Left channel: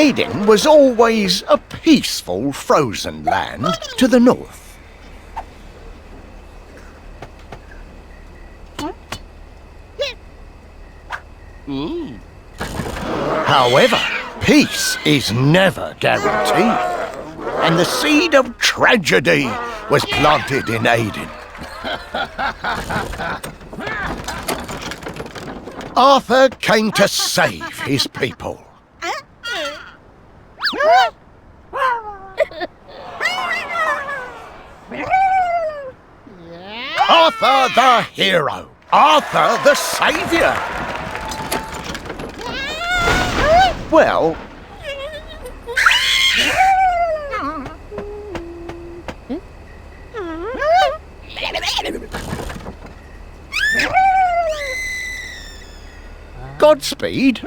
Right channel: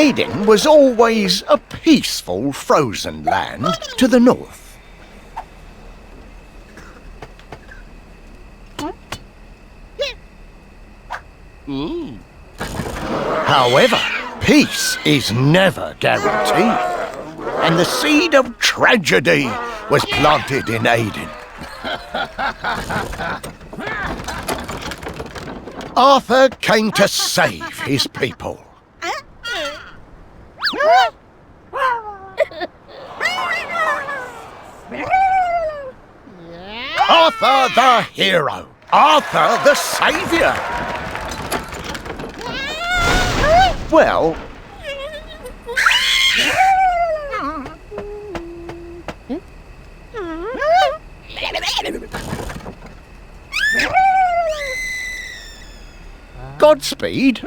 Eidyn was always a peaceful frozen land to the north. However, peace is never guaranteed, and the seed of tragedy was planted in Eidyn. Arthur came to save his people. Arthur the hero! Arthur the saviour! Well... Godspeed.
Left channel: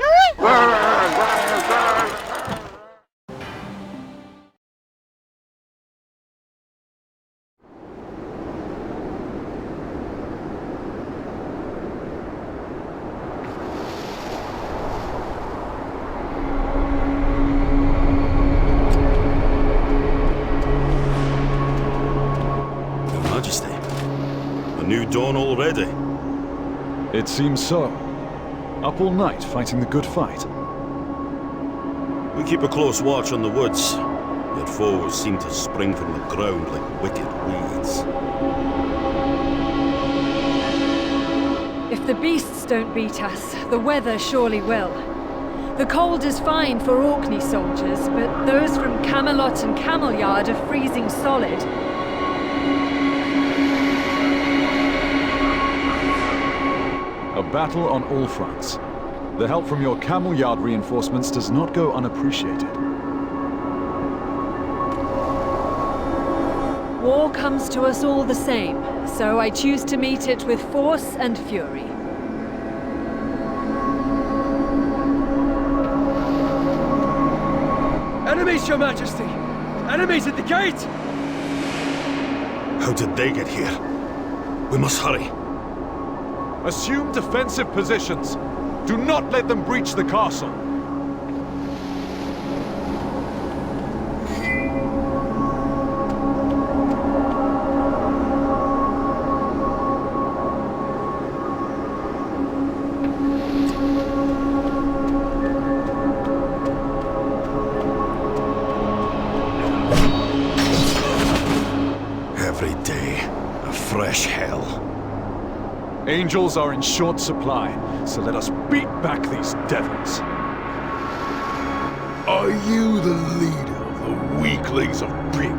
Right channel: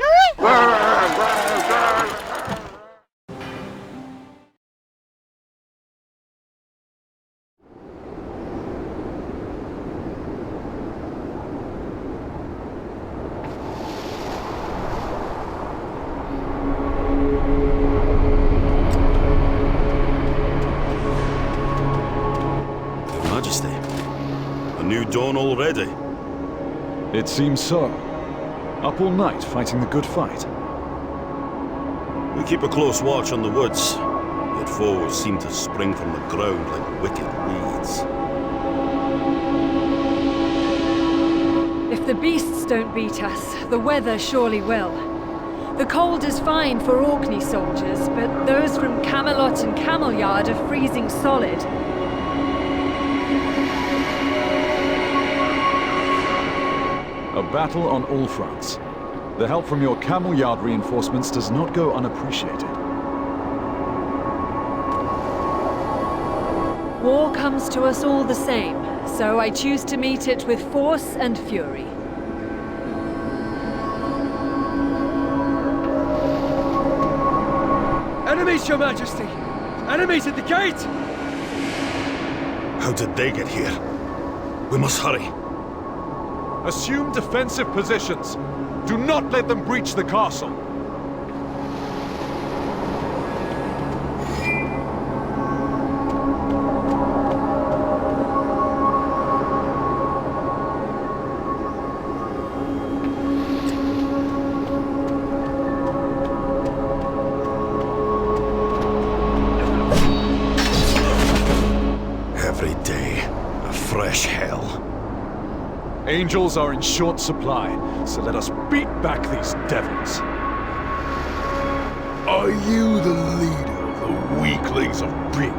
Your Majesty, a new dawn already. It seems so. Up all night fighting the good fight. We keep a close watch on the woods, yet foes seem to spring from the ground like wicked weeds. If the beasts don't beat us, the weather surely will. The cold is fine for Orkney soldiers, but those from Camelot and Camelyard are freezing solid. A battle on all fronts. The help from your Camelyard reinforcements does not go unappreciated. War comes to us all the same, so I choose to meet it with force and fury. Enemies, Your Majesty! Enemies at the gate! How did they get here? We must hurry. Assume defensive positions. Do not let them breach the castle. Every day, a fresh hell. Angels are in short supply, so let us beat back these devils. Are you the leader of the weaklings of Britain?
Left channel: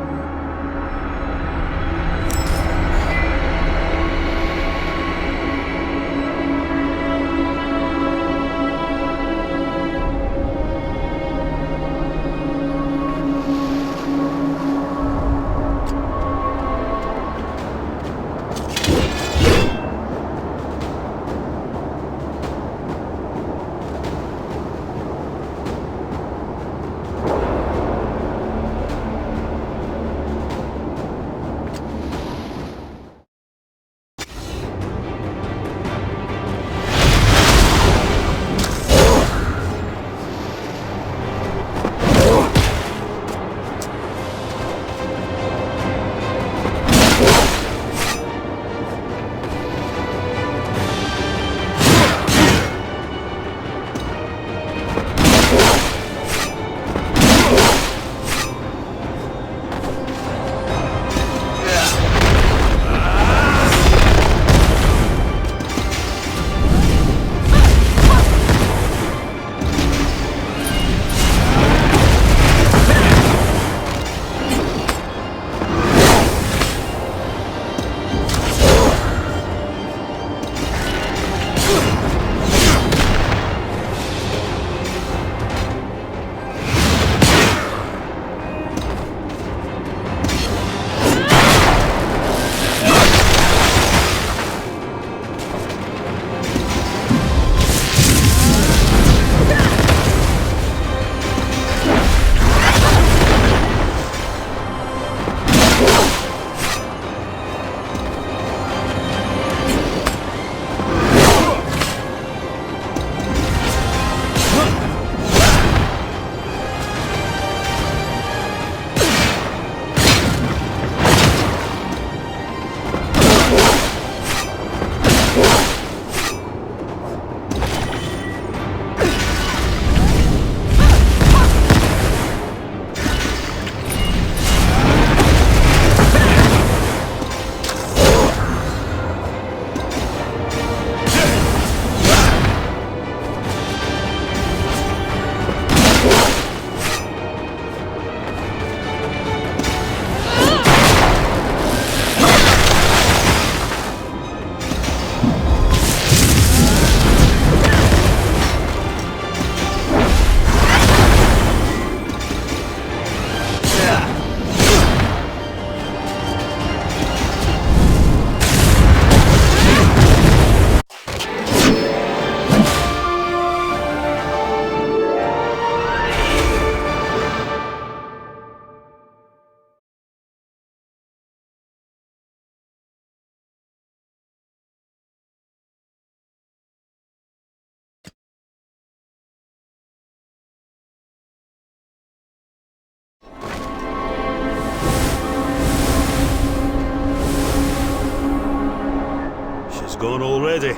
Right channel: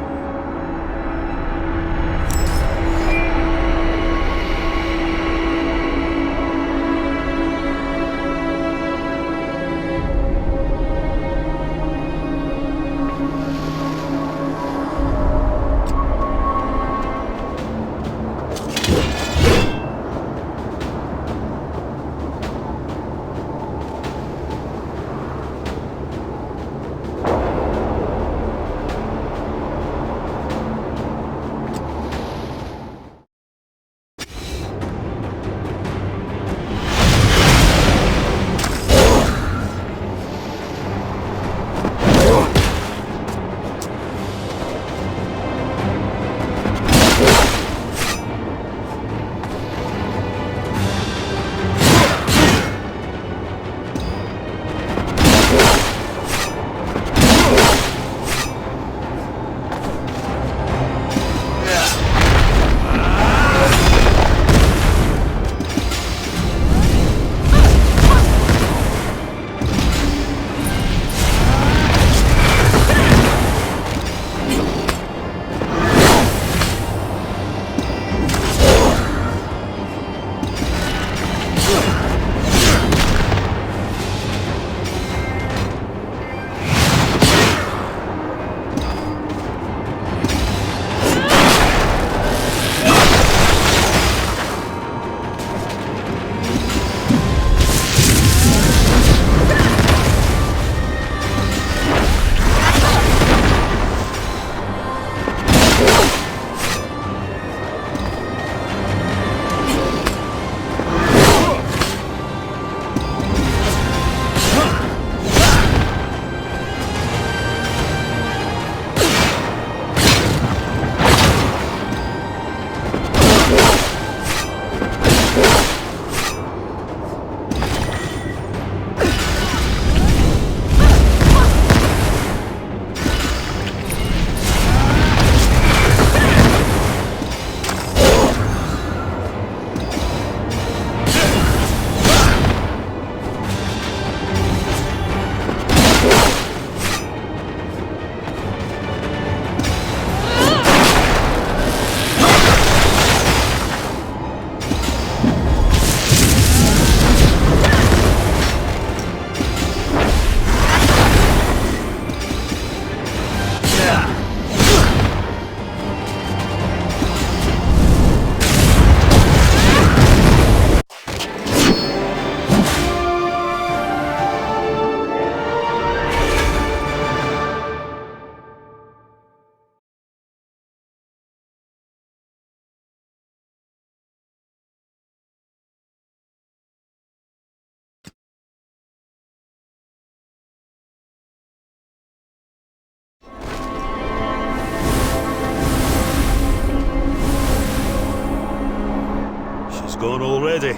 She's gone already.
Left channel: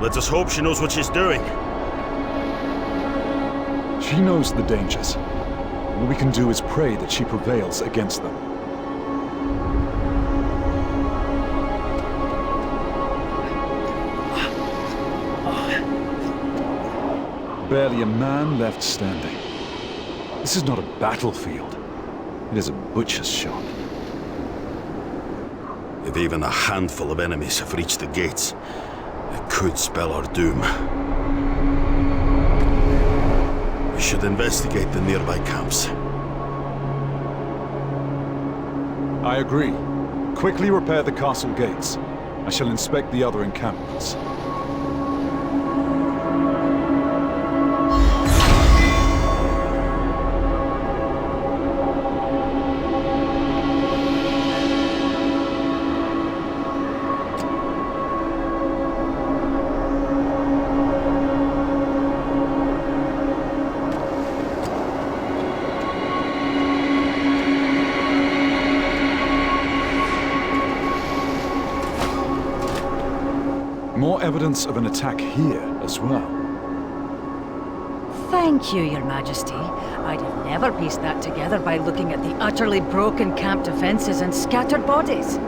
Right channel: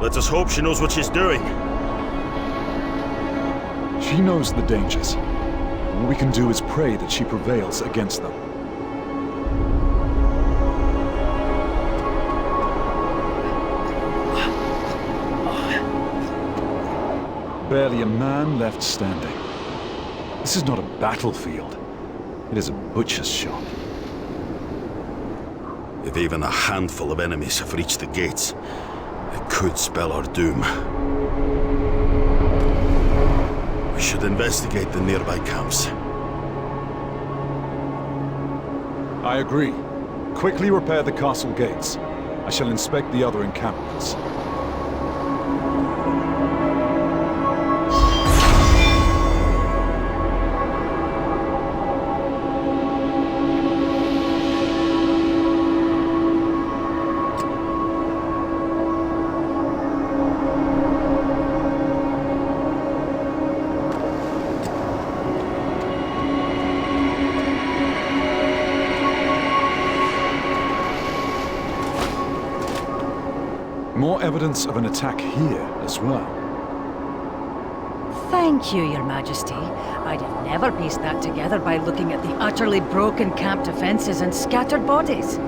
Let us hope she knows what she's doing. She knows the dangers. All we can do is pray that she prevails against them. Barely a man left standing. This is not a battlefield. It is a butcher's shop. If even a handful of enemies have reached the gates, it could spell our doom. We should investigate the nearby camps. I agree. Quickly repair the castle gates. I shall inspect the other encampments. More evidence of an attack here as well. Thank you, Your Majesty. I'd have never pieced that together by looking at the utterly broken camp defenses and scattered bodies.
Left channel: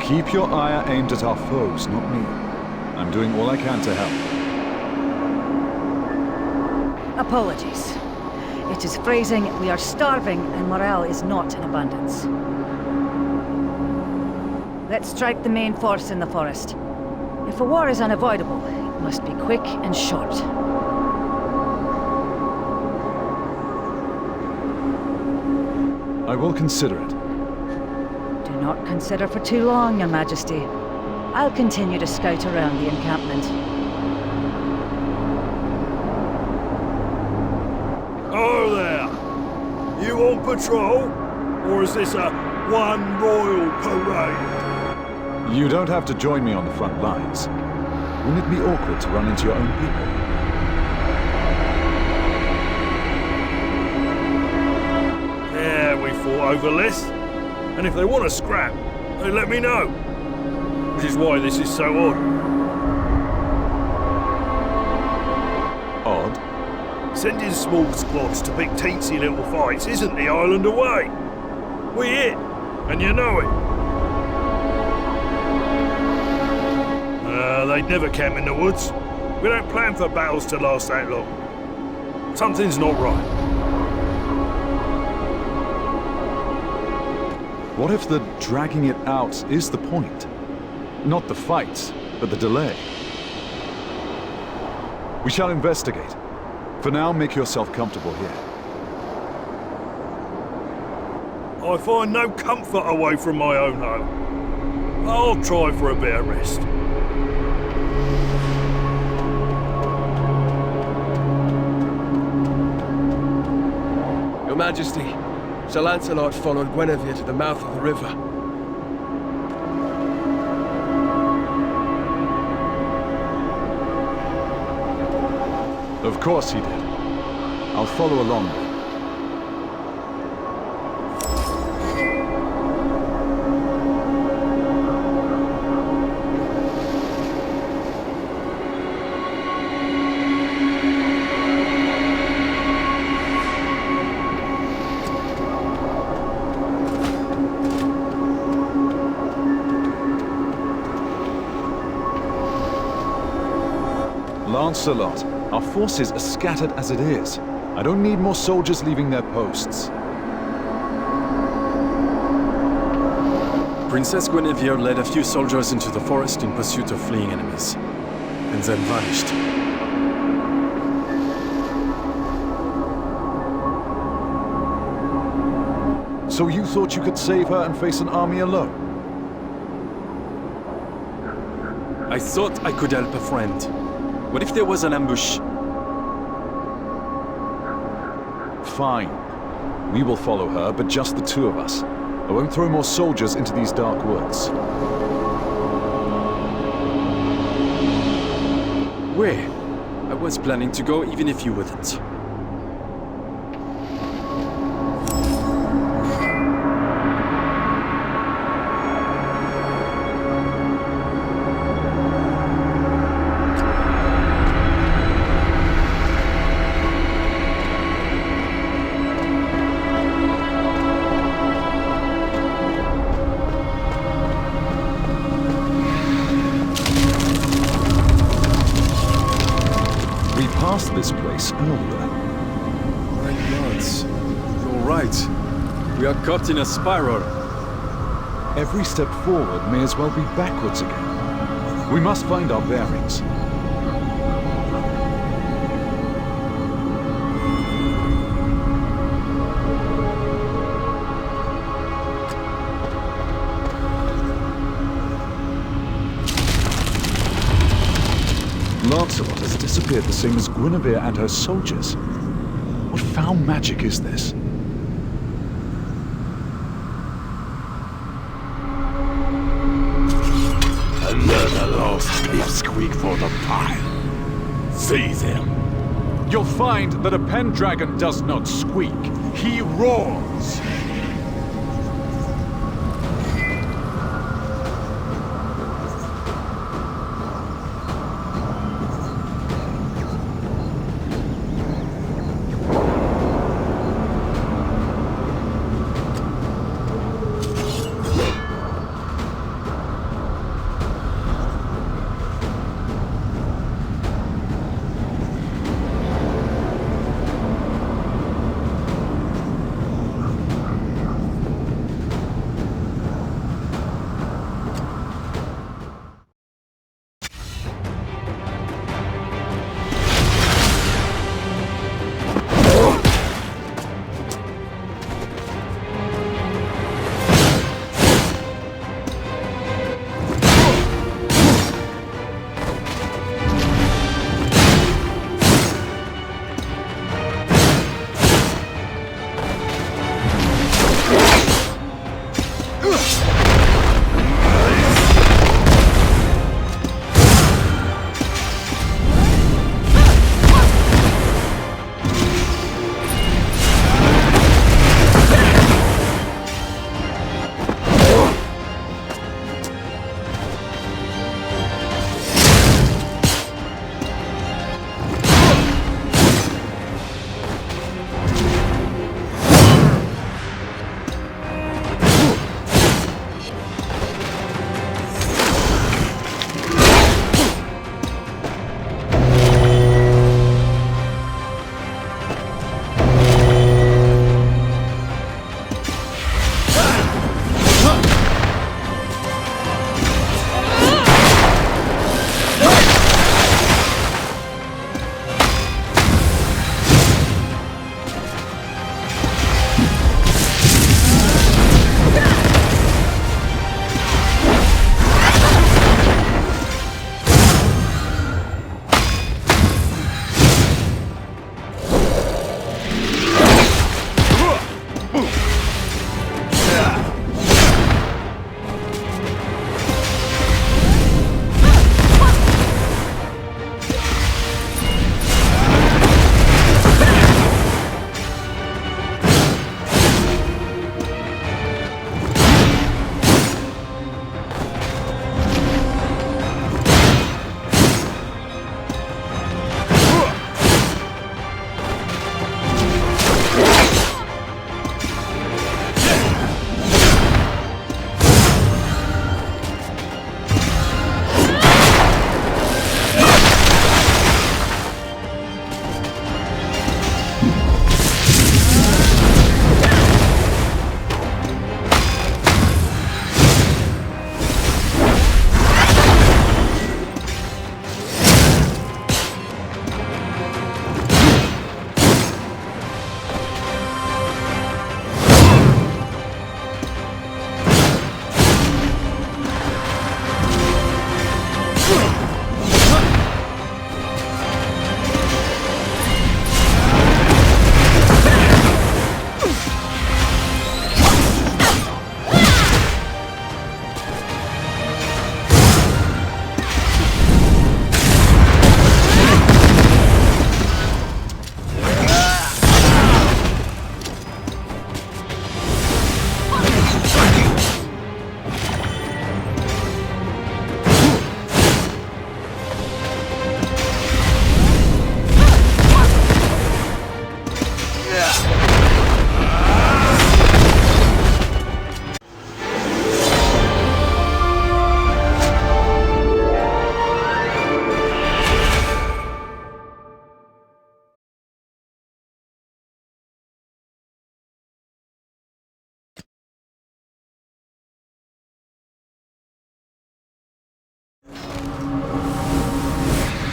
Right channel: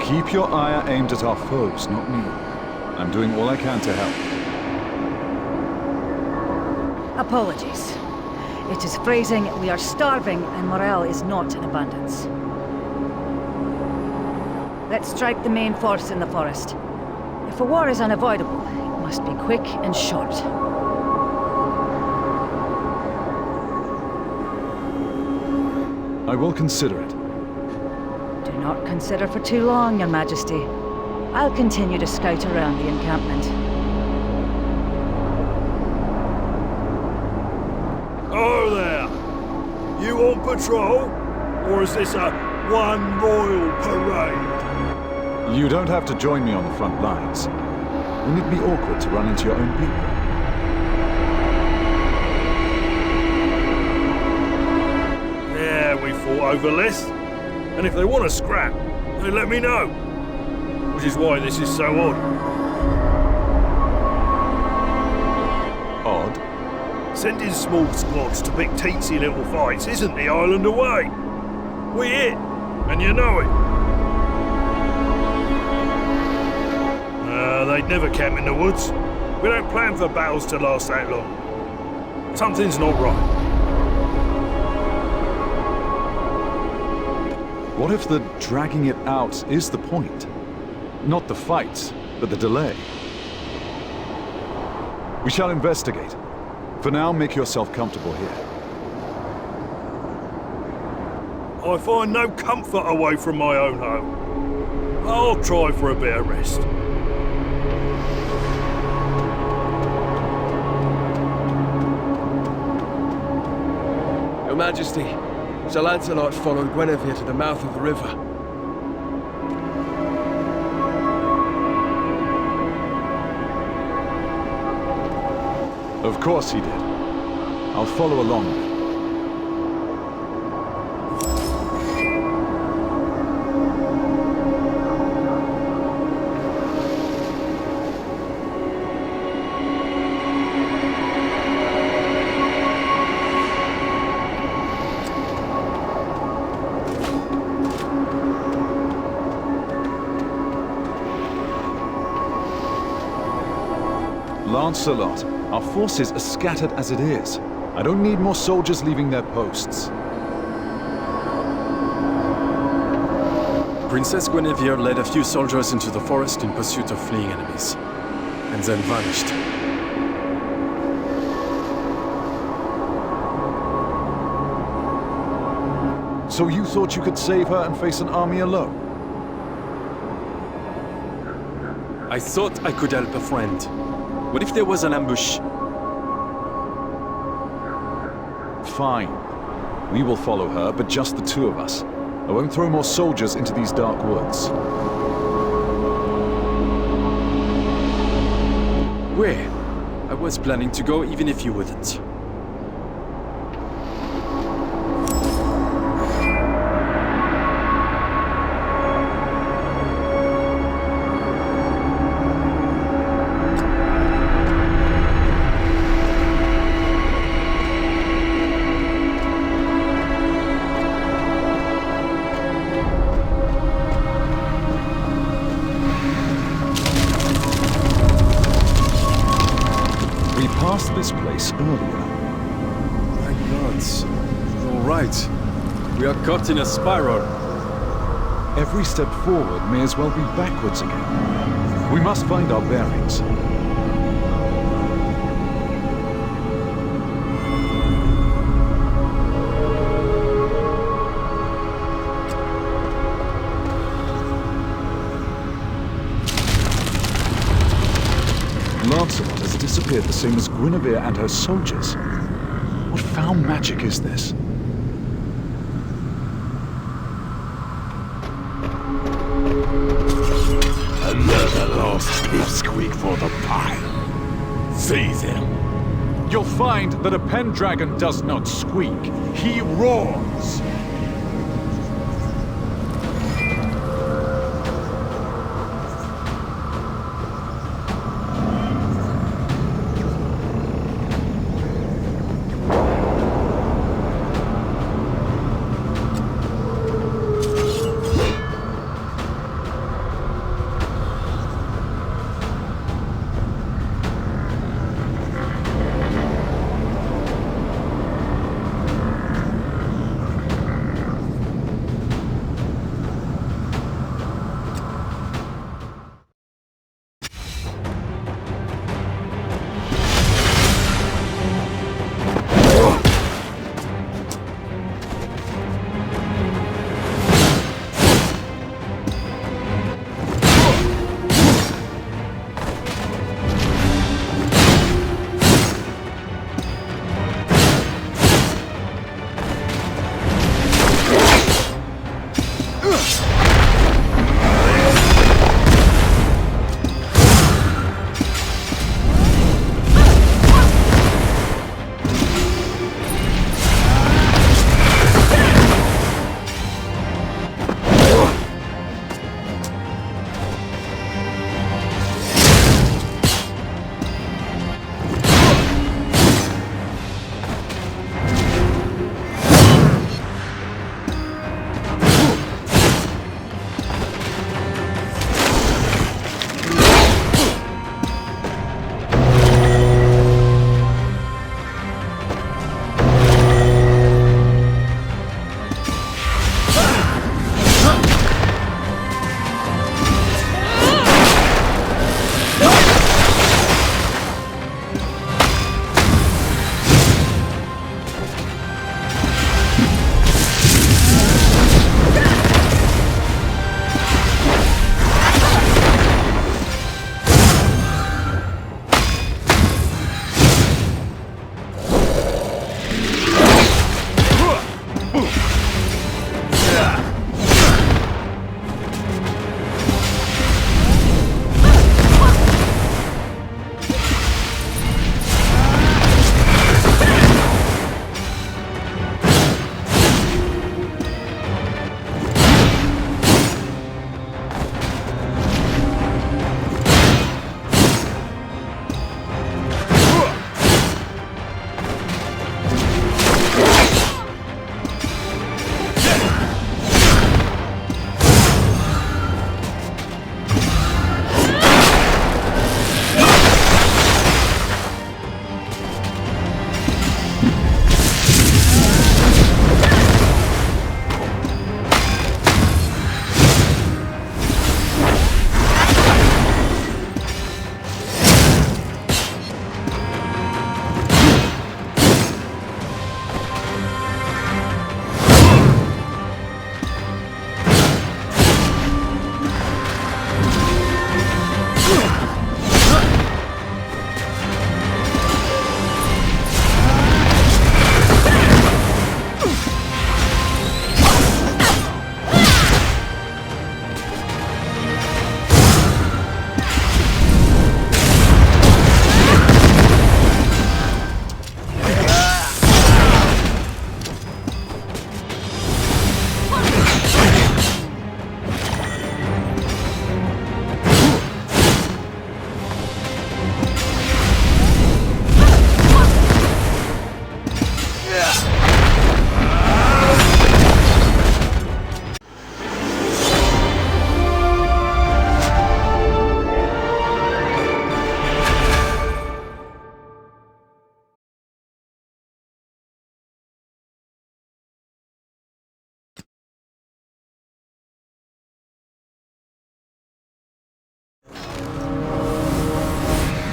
Keep your ire aimed at our foes, not me. I'm doing all I can to help. Apologies. It is phrasing, we are starving and morale is not in abundance. Let's strike the main force in the forest. If a war is unavoidable, it must be quick and short. I will consider it. Do not consider for too long, Your Majesty. I'll continue to scout around the encampment. Oh there! You on patrol? Or is this a one royal parade? You don't have to join me on the front lines. Wouldn't it be awkward to run into your own people? Yeah, we fought over less. And if they want to scrap, they let me know. Which is why this is so odd. Odd? Sending small squads to pick teensy little fights isn't the island away. We it, and you know it. They'd never camp in the woods. We don't plan for battles to last that long. Something's not right. What if the dragging it out is the point? Not the fight, but the delay. We shall investigate. For now, make yourself comfortable here. I find no comfort away from my own home. I'll try for a bit of rest. Your Majesty, Sir Lancelot followed Guinevere to the mouth of the river. Of course he did. I'll follow along then. Lancelot, our forces are scattered as it is. I don't need more soldiers leaving their posts. Princess Guinevere led a few soldiers into the forest in pursuit of fleeing enemies, and then vanished. So you thought you could save her and face an army alone? I thought I could help a friend. What if there was an ambush? Fine. We will follow her, but just the two of us. I won't throw more soldiers into these dark woods. Where? I was planning to go even if you wouldn't. passed this place earlier. My gods. You're right. We are caught in a spiral. Every step forward may as well be backwards again. We must find our bearings. Lancelot has disappeared the same as Guinevere and her soldiers. What foul magic is this? Another lost pipsqueak for the pile. Seize him. You'll find that a pendragon does not squeak. He roars.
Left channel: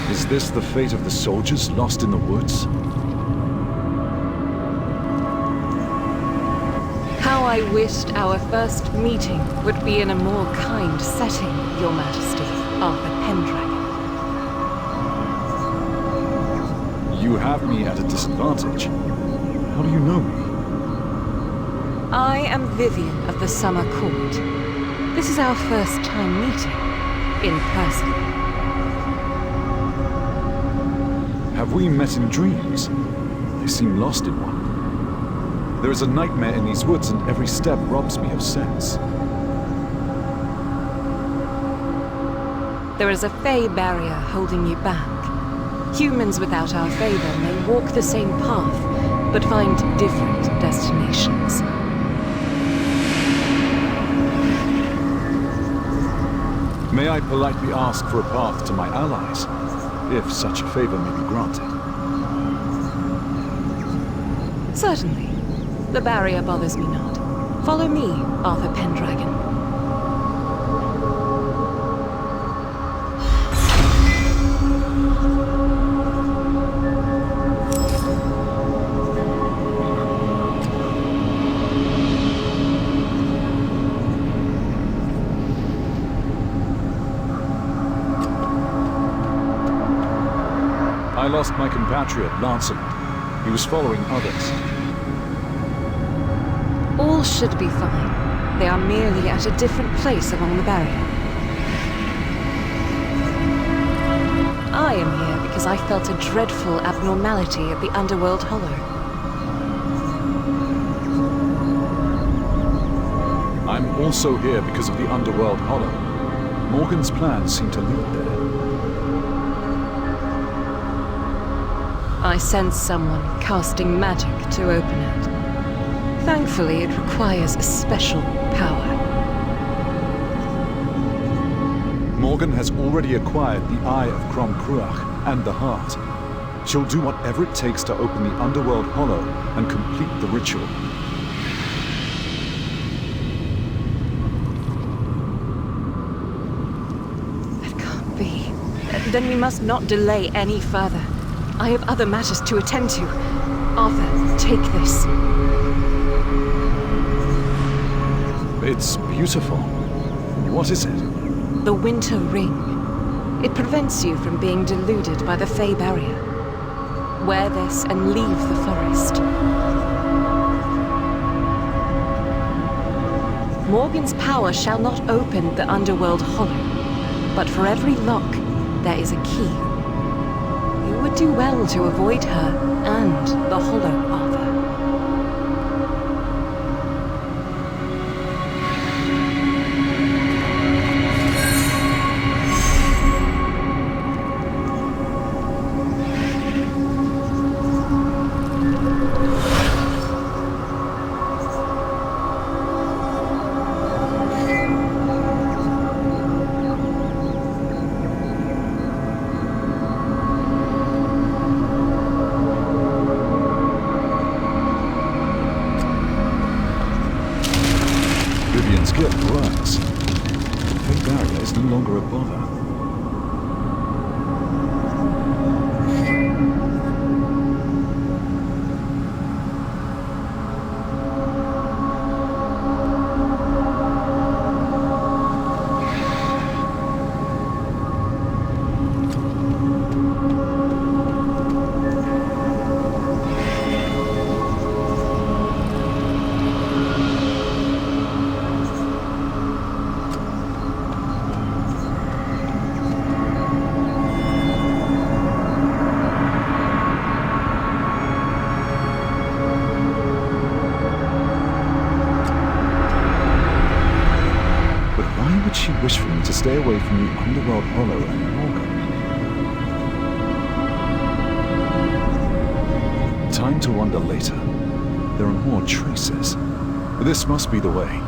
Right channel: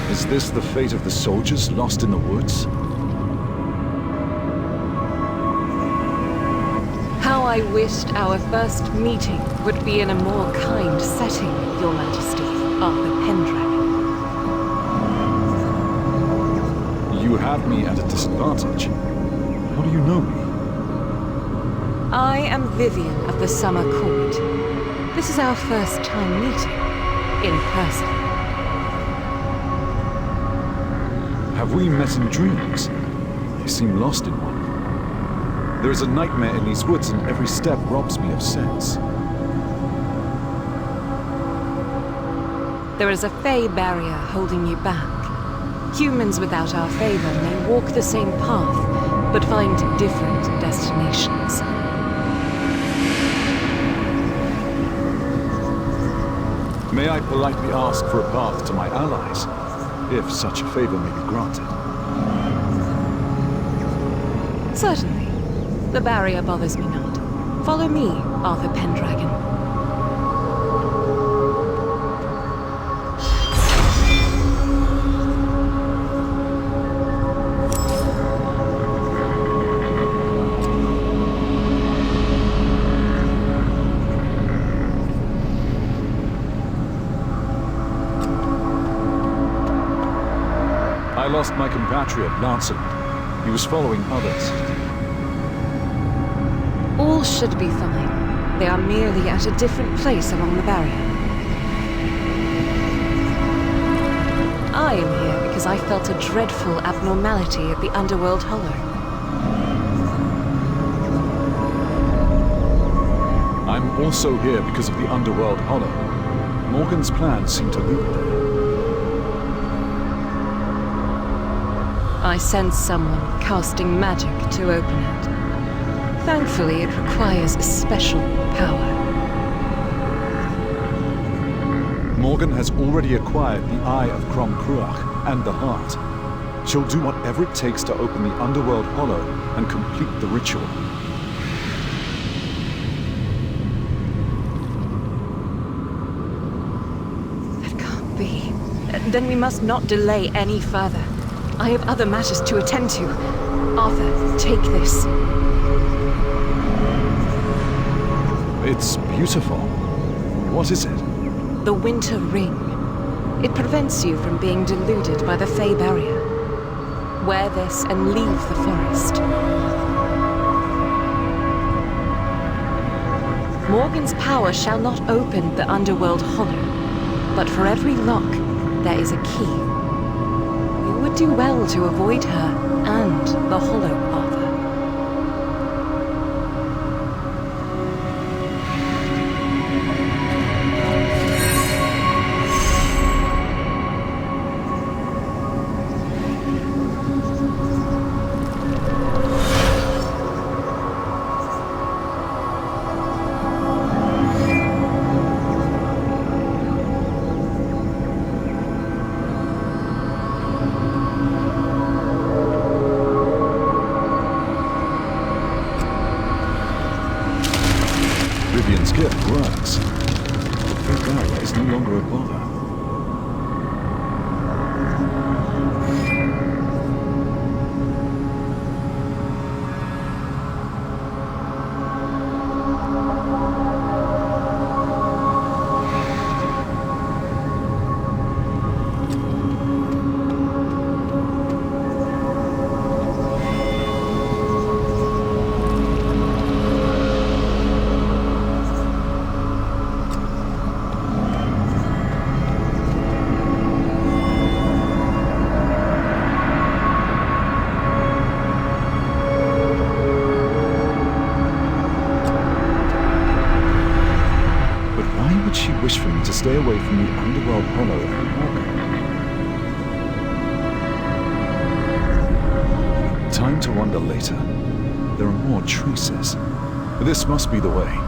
Is this the fate of the soldiers lost in the woods? How I wished our first meeting would be in a more kind setting, Your Majesty, Arthur Pendragon. You have me at a disadvantage. How do you know me? I am Vivian of the Summer Court. This is our first time meeting, in person. Have we met in dreams? I seem lost in one. There is a nightmare in these woods, and every step robs me of sense. There is a Fey barrier holding you back. Humans without our favor may walk the same path, but find different destinations. May I politely ask for a path to my allies, if such a favor may be granted? Certainly. The barrier bothers me not. Follow me, Arthur Pendragon. I lost my compatriot, Lancelot. He was following others. All should be fine. They are merely at a different place along the barrier. I am here because I felt a dreadful abnormality at the Underworld Hollow. I'm also here because of the Underworld Hollow. Morgan's plans seem to lead there. I sense someone casting magic to open it. Thankfully, it requires a special power. Morgan has already acquired the Eye of Crom Cruach and the Heart. She'll do whatever it takes to open the Underworld Hollow and complete the ritual. That can't be. Then we must not delay any further. I have other matters to attend to. Arthur, take this. It's beautiful. What is it? The Winter Ring. It prevents you from being deluded by the Fey barrier. Wear this and leave the forest. Morgan's power shall not open the Underworld Hollow, but for every lock, there is a key. You would do well to avoid her and the Hollow, Arthur. Vivian's gift works. The Fey barrier is no longer a bother. But why would she wish for me to stay away from the Underworld Hollow and Morgan? Time to wonder later. There are more traces. This must be the way.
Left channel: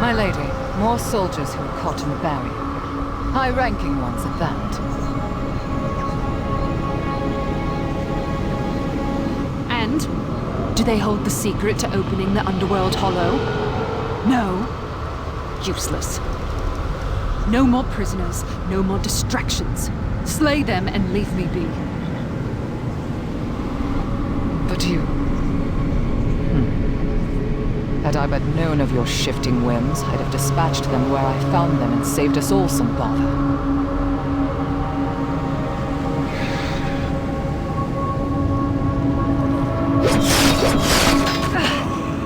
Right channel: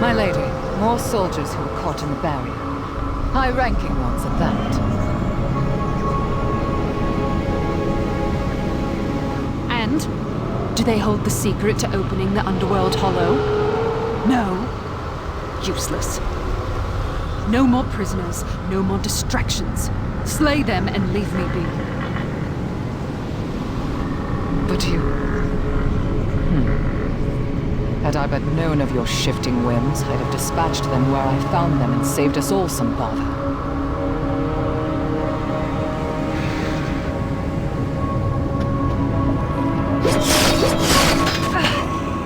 My lady, more soldiers who were caught in the barrier. High-ranking ones at that. friend? Do they hold the secret to opening the underworld hollow? No. Useless. No more prisoners, no more distractions. Slay them and leave me be. But you... Had I but known of your shifting whims, I'd have dispatched them where I found them and saved us all some bother.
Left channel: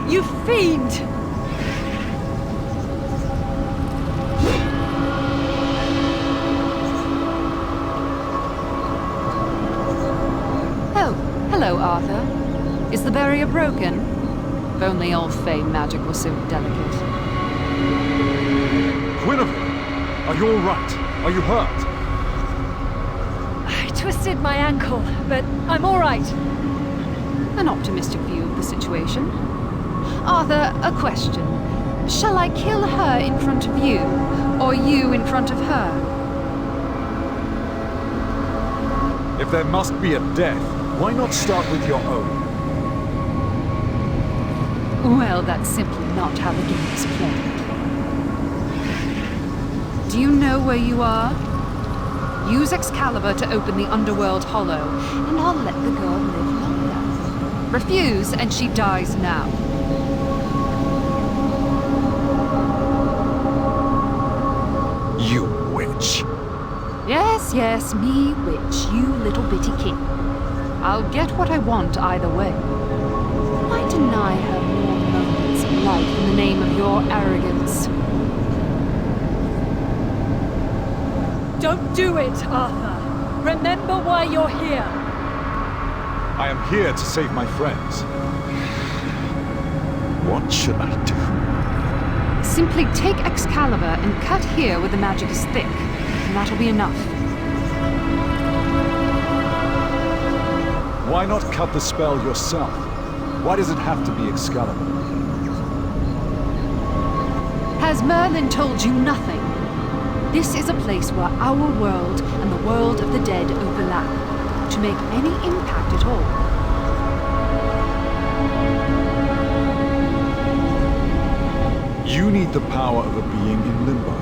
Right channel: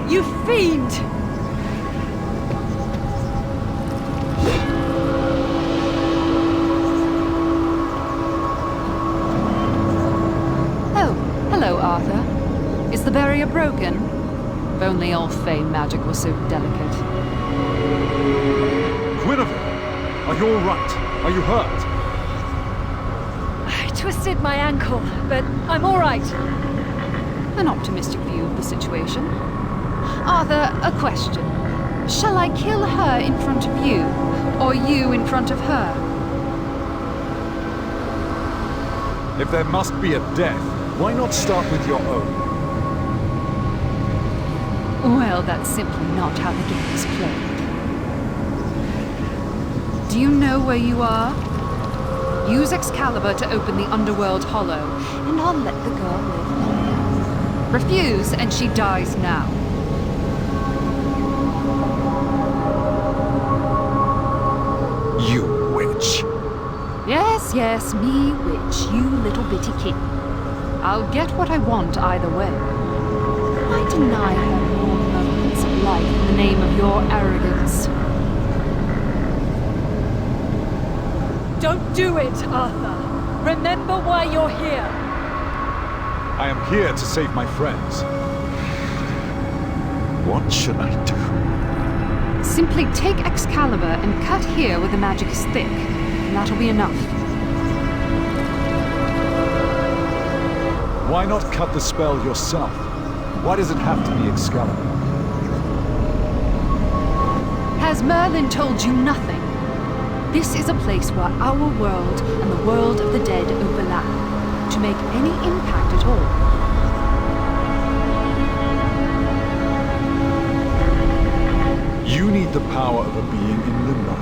You fiend! Oh, hello, Arthur. Is the barrier broken? If only all Fey magic was so delicate. Guinevere! Are you all right? Are you hurt? I twisted my ankle, but I'm all right. An optimistic view of the situation. Arthur, a question. Shall I kill her in front of you, or you in front of her? If there must be a death, why not start with your own? Well, that's simply not how the game is played. Do you know where you are? Use Excalibur to open the underworld hollow, and I'll let the girl live longer. Refuse, and she dies now. You witch. Yes, yes, me witch, you little bitty king. I'll get what I want either way. Why deny her more moments of life in the name of your arrogance? Don't do it, Arthur. Remember why you're here. I am here to save my friends. What should I do? Simply take Excalibur and cut here where the magic is thick, and that'll be enough. Why not cut the spell yourself? Why does it have to be Excalibur? Has Merlin told you nothing? This is a place where our world and the world of the dead overlap, to make any impact at all. You need the power of a being in limbo,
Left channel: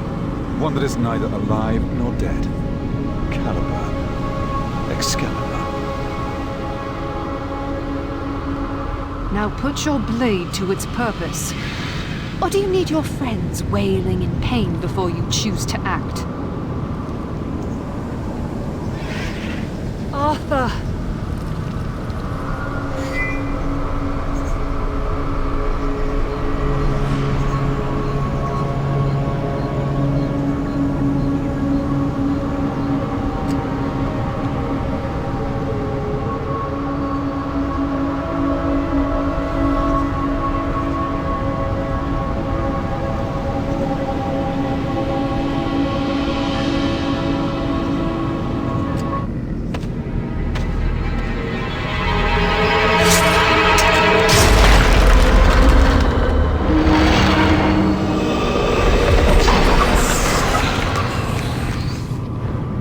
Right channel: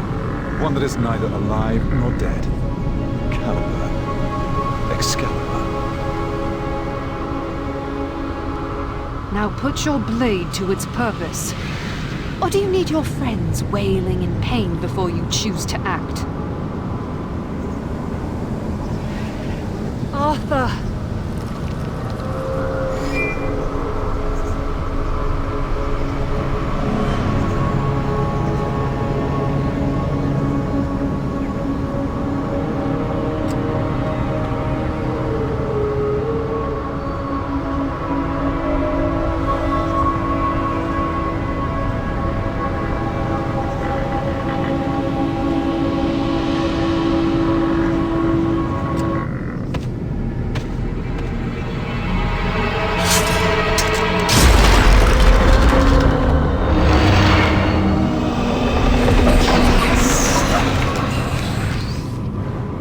one that is neither alive nor dead. Caliber. Excalibur. Now put your blade to its purpose. Or do you need your friends wailing in pain before you choose to act? Arthur!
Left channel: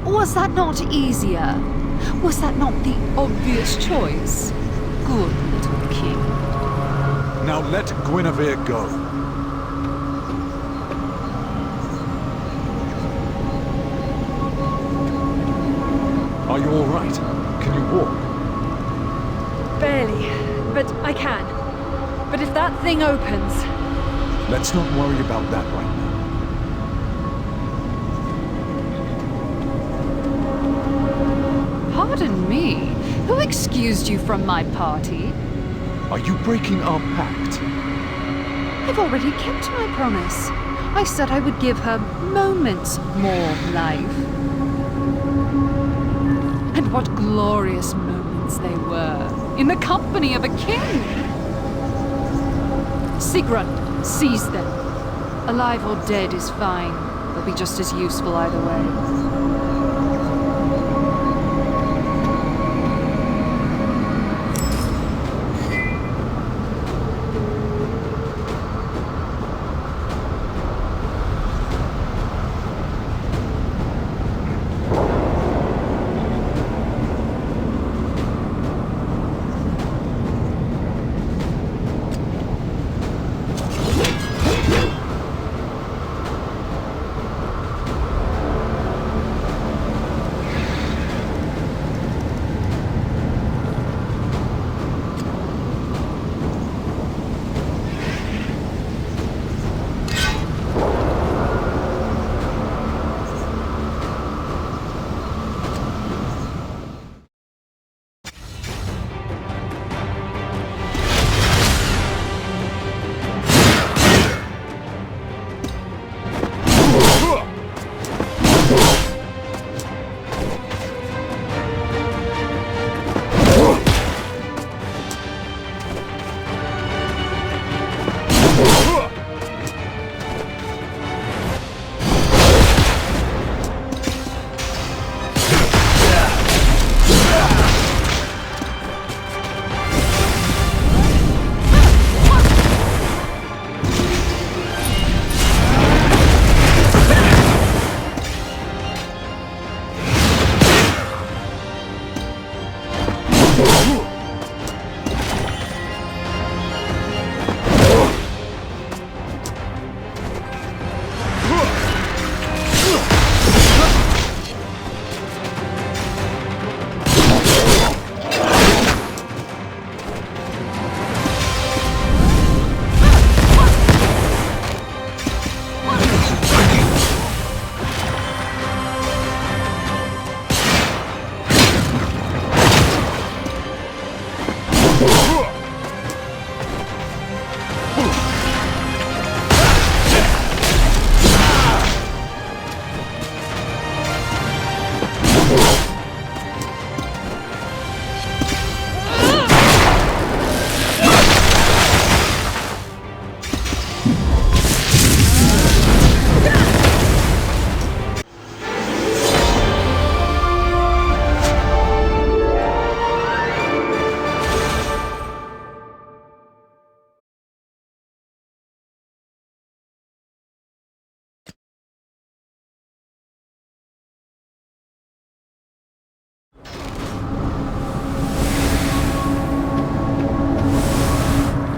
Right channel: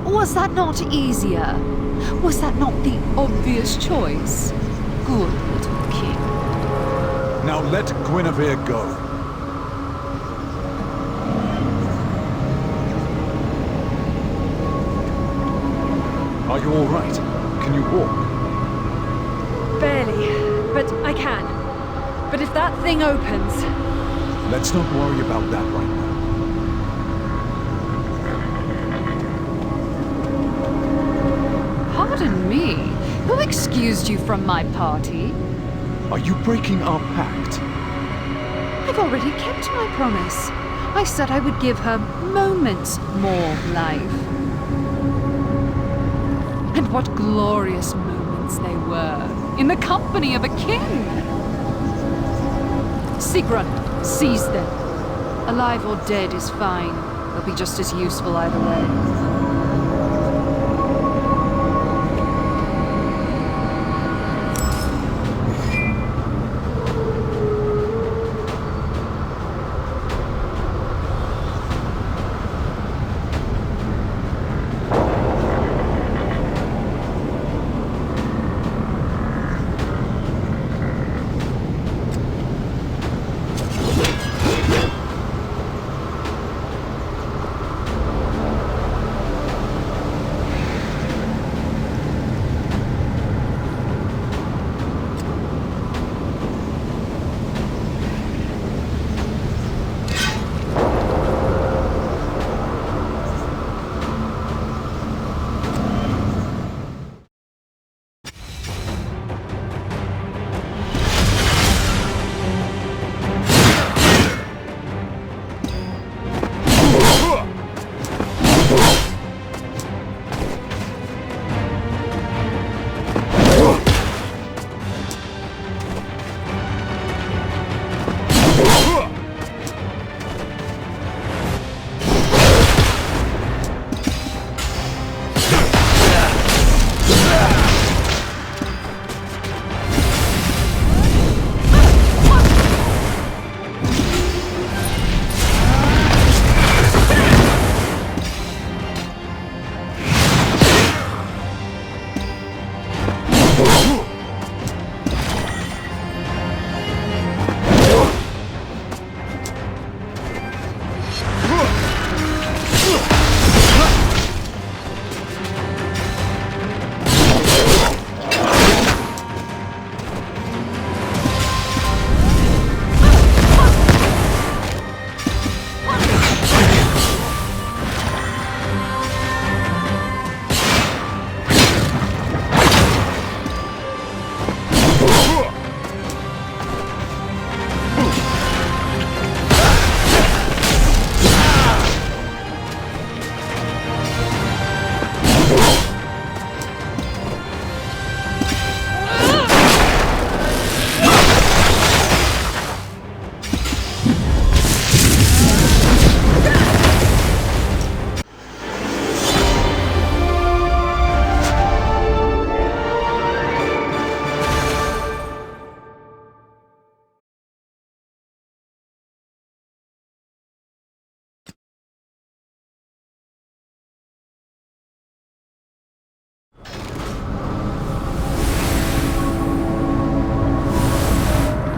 Was that not easier? Was that not the obvious choice? Good little king. Now let Guinevere go. Are you all right? Can you walk? Barely, but I can. But if that thing opens... Let's not worry about that right now. Pardon me, who excused you from my party? Are you breaking our pact? I've already kept my promise. I said I would give her moments more life. And what glorious moments they were, in the company of a king! Sigrun, seize them. Alive or dead is fine. They'll be just as useful either way.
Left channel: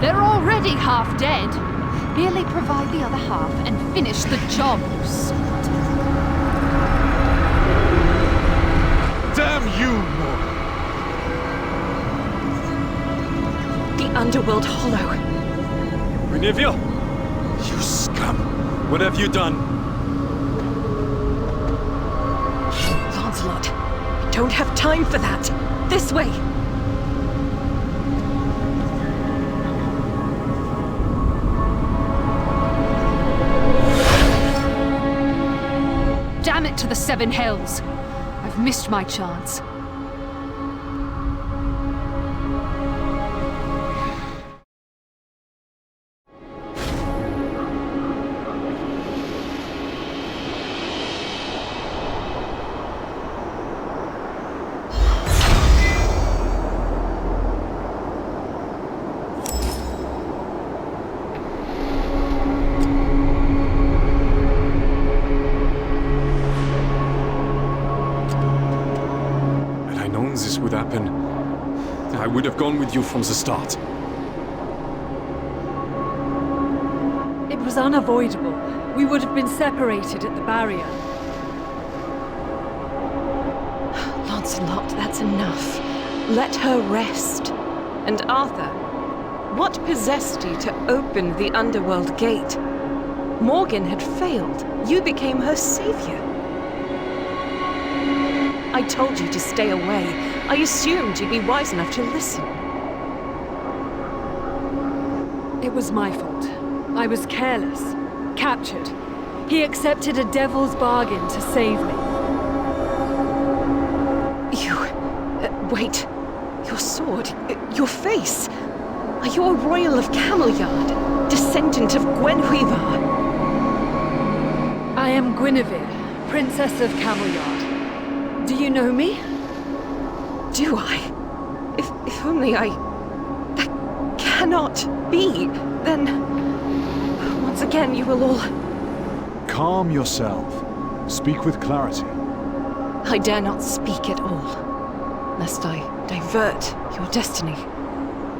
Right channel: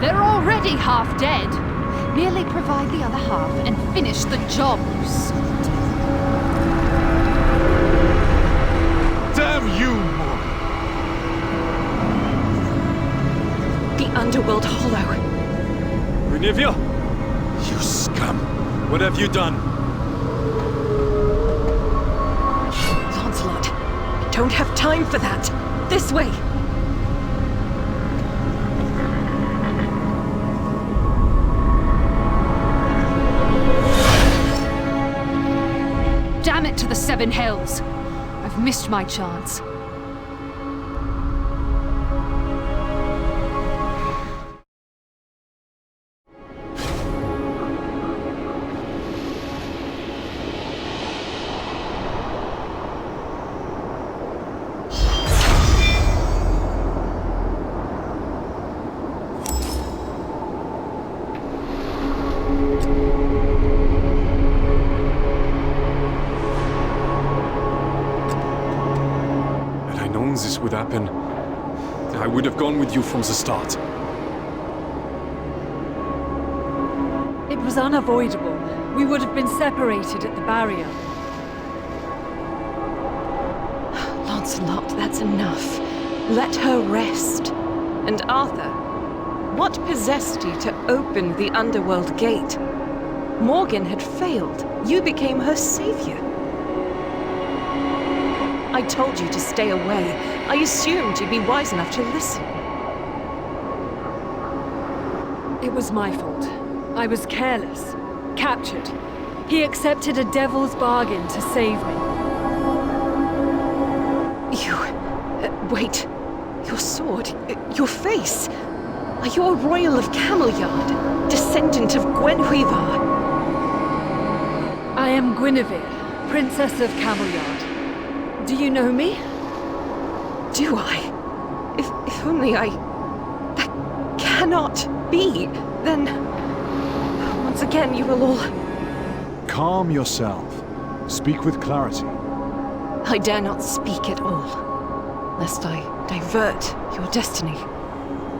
They're already half dead. Merely provide the other half and finish the job, you simpleton. Damn you, Morgan! The Underworld Hollow. Guinevere? You scum! What have you done? Lancelot, we don't have time for that. This way! Damn it to the Seven Hells! I've missed my chance. Known this would happen, I would have gone with you from the start. It was unavoidable. We would have been separated at the barrier. Lancelot, that's enough. Let her rest. And Arthur, what possessed you to open the Underworld gate? Morgan had failed. You became her savior. I told you to stay away. I assumed you'd be wise enough to listen. It was my fault. I was careless. Captured. He accepted a devil's bargain to save me. You... wait. Your sword, your face. Are you a royal of Camelliard? Descendant of Gwenhwyvar? I am Guinevere, Princess of Camelliard. Do you know me? Do I? If only I... That cannot be. Then... Once again, you will all... Calm yourself. Speak with clarity. I dare not speak at all, lest I divert your destiny.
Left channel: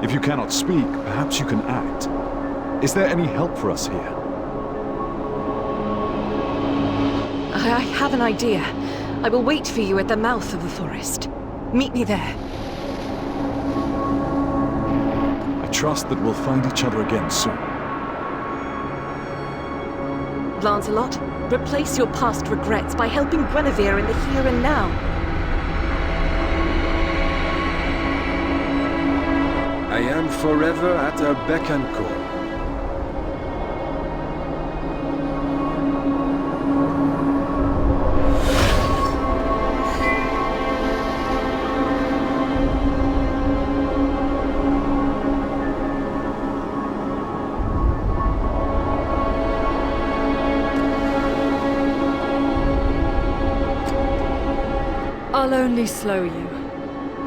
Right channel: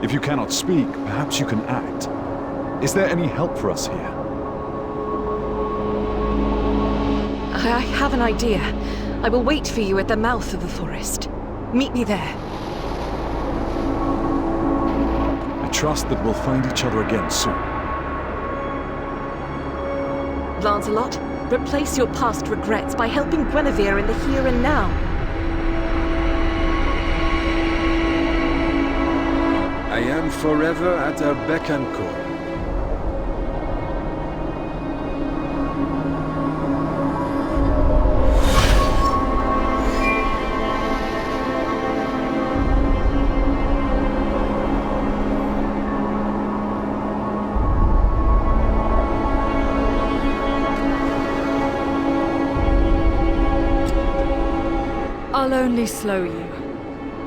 If you cannot speak, perhaps you can act. Is there any help for us here? I have an idea. I will wait for you at the mouth of the forest. Meet me there. I trust that we'll find each other again soon. Lancelot, replace your past regrets by helping Guinevere in the here and now. I am forever at her beck and call. I'll only slow you.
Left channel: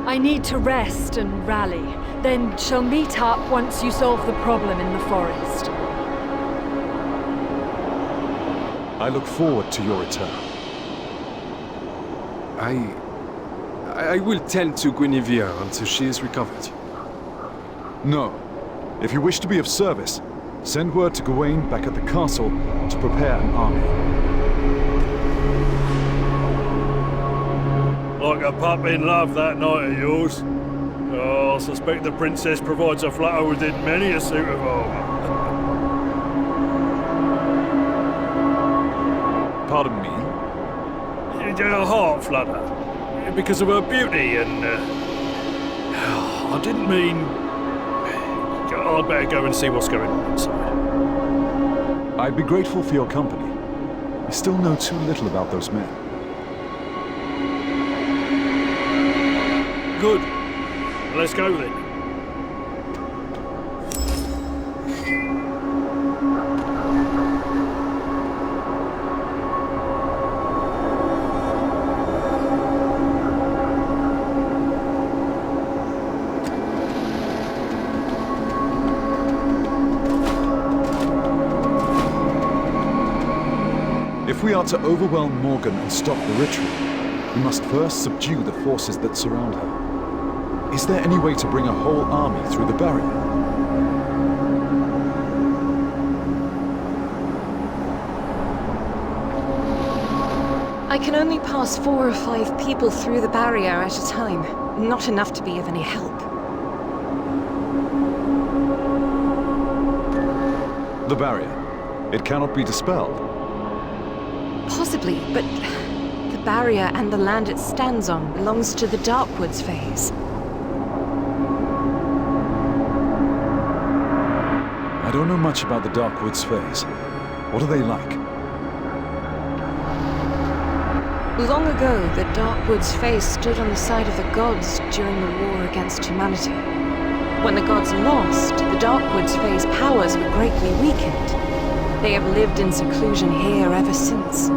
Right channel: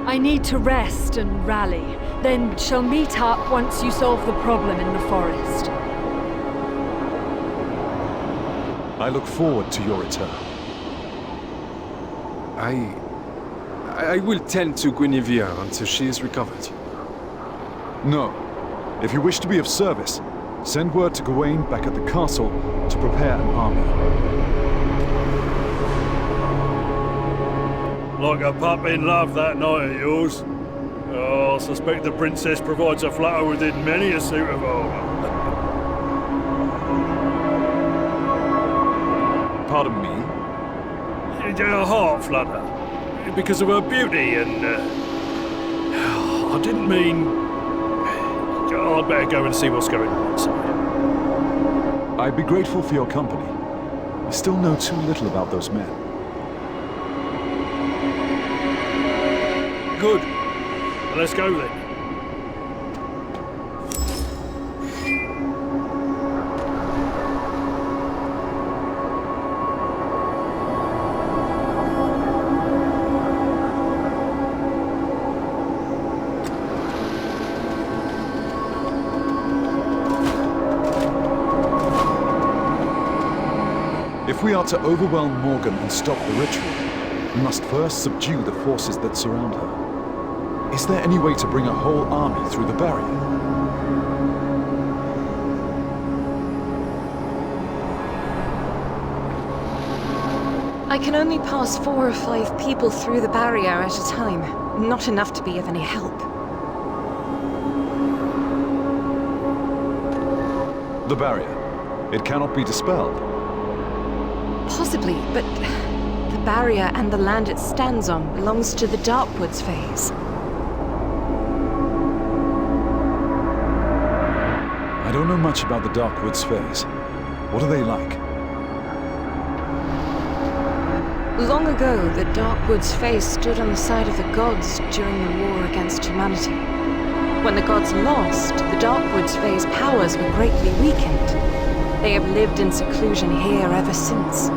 I need to rest and rally, then shall meet up once you solve the problem in the forest. I look forward to your return. I will tend to Guinevere until she is recovered. No. If you wish to be of service, send word to Gawain back at the castle to prepare an army. Like a pup in love, that knight of yours. Oh, I suspect the princess provides a flutter within many a suit of armor. Pardon me? A heart flutter. Because of her beauty and... I didn't mean... I'd better go and see what's going on inside. I'd be grateful for your company. I still know too little about those men. Good. Let's go then. If we are to overwhelm Morgan and stop the ritual, we must first subdue the forces that surround her. Is there any way to bring a whole army through the barrier? I can only pass 4 or 5 people through the barrier at a time. Not enough to be of any help. The barrier. It cannot be dispelled. Possibly, but the barrier and the land it stands on belongs to the Darkwoods phase. I don't know much about the Darkwoods phase. What are they like? Long ago, the Darkwoods phase stood on the side of the gods during the war against humanity. When the gods lost, the Darkwoods phase powers were greatly weakened. They have lived in seclusion here ever since.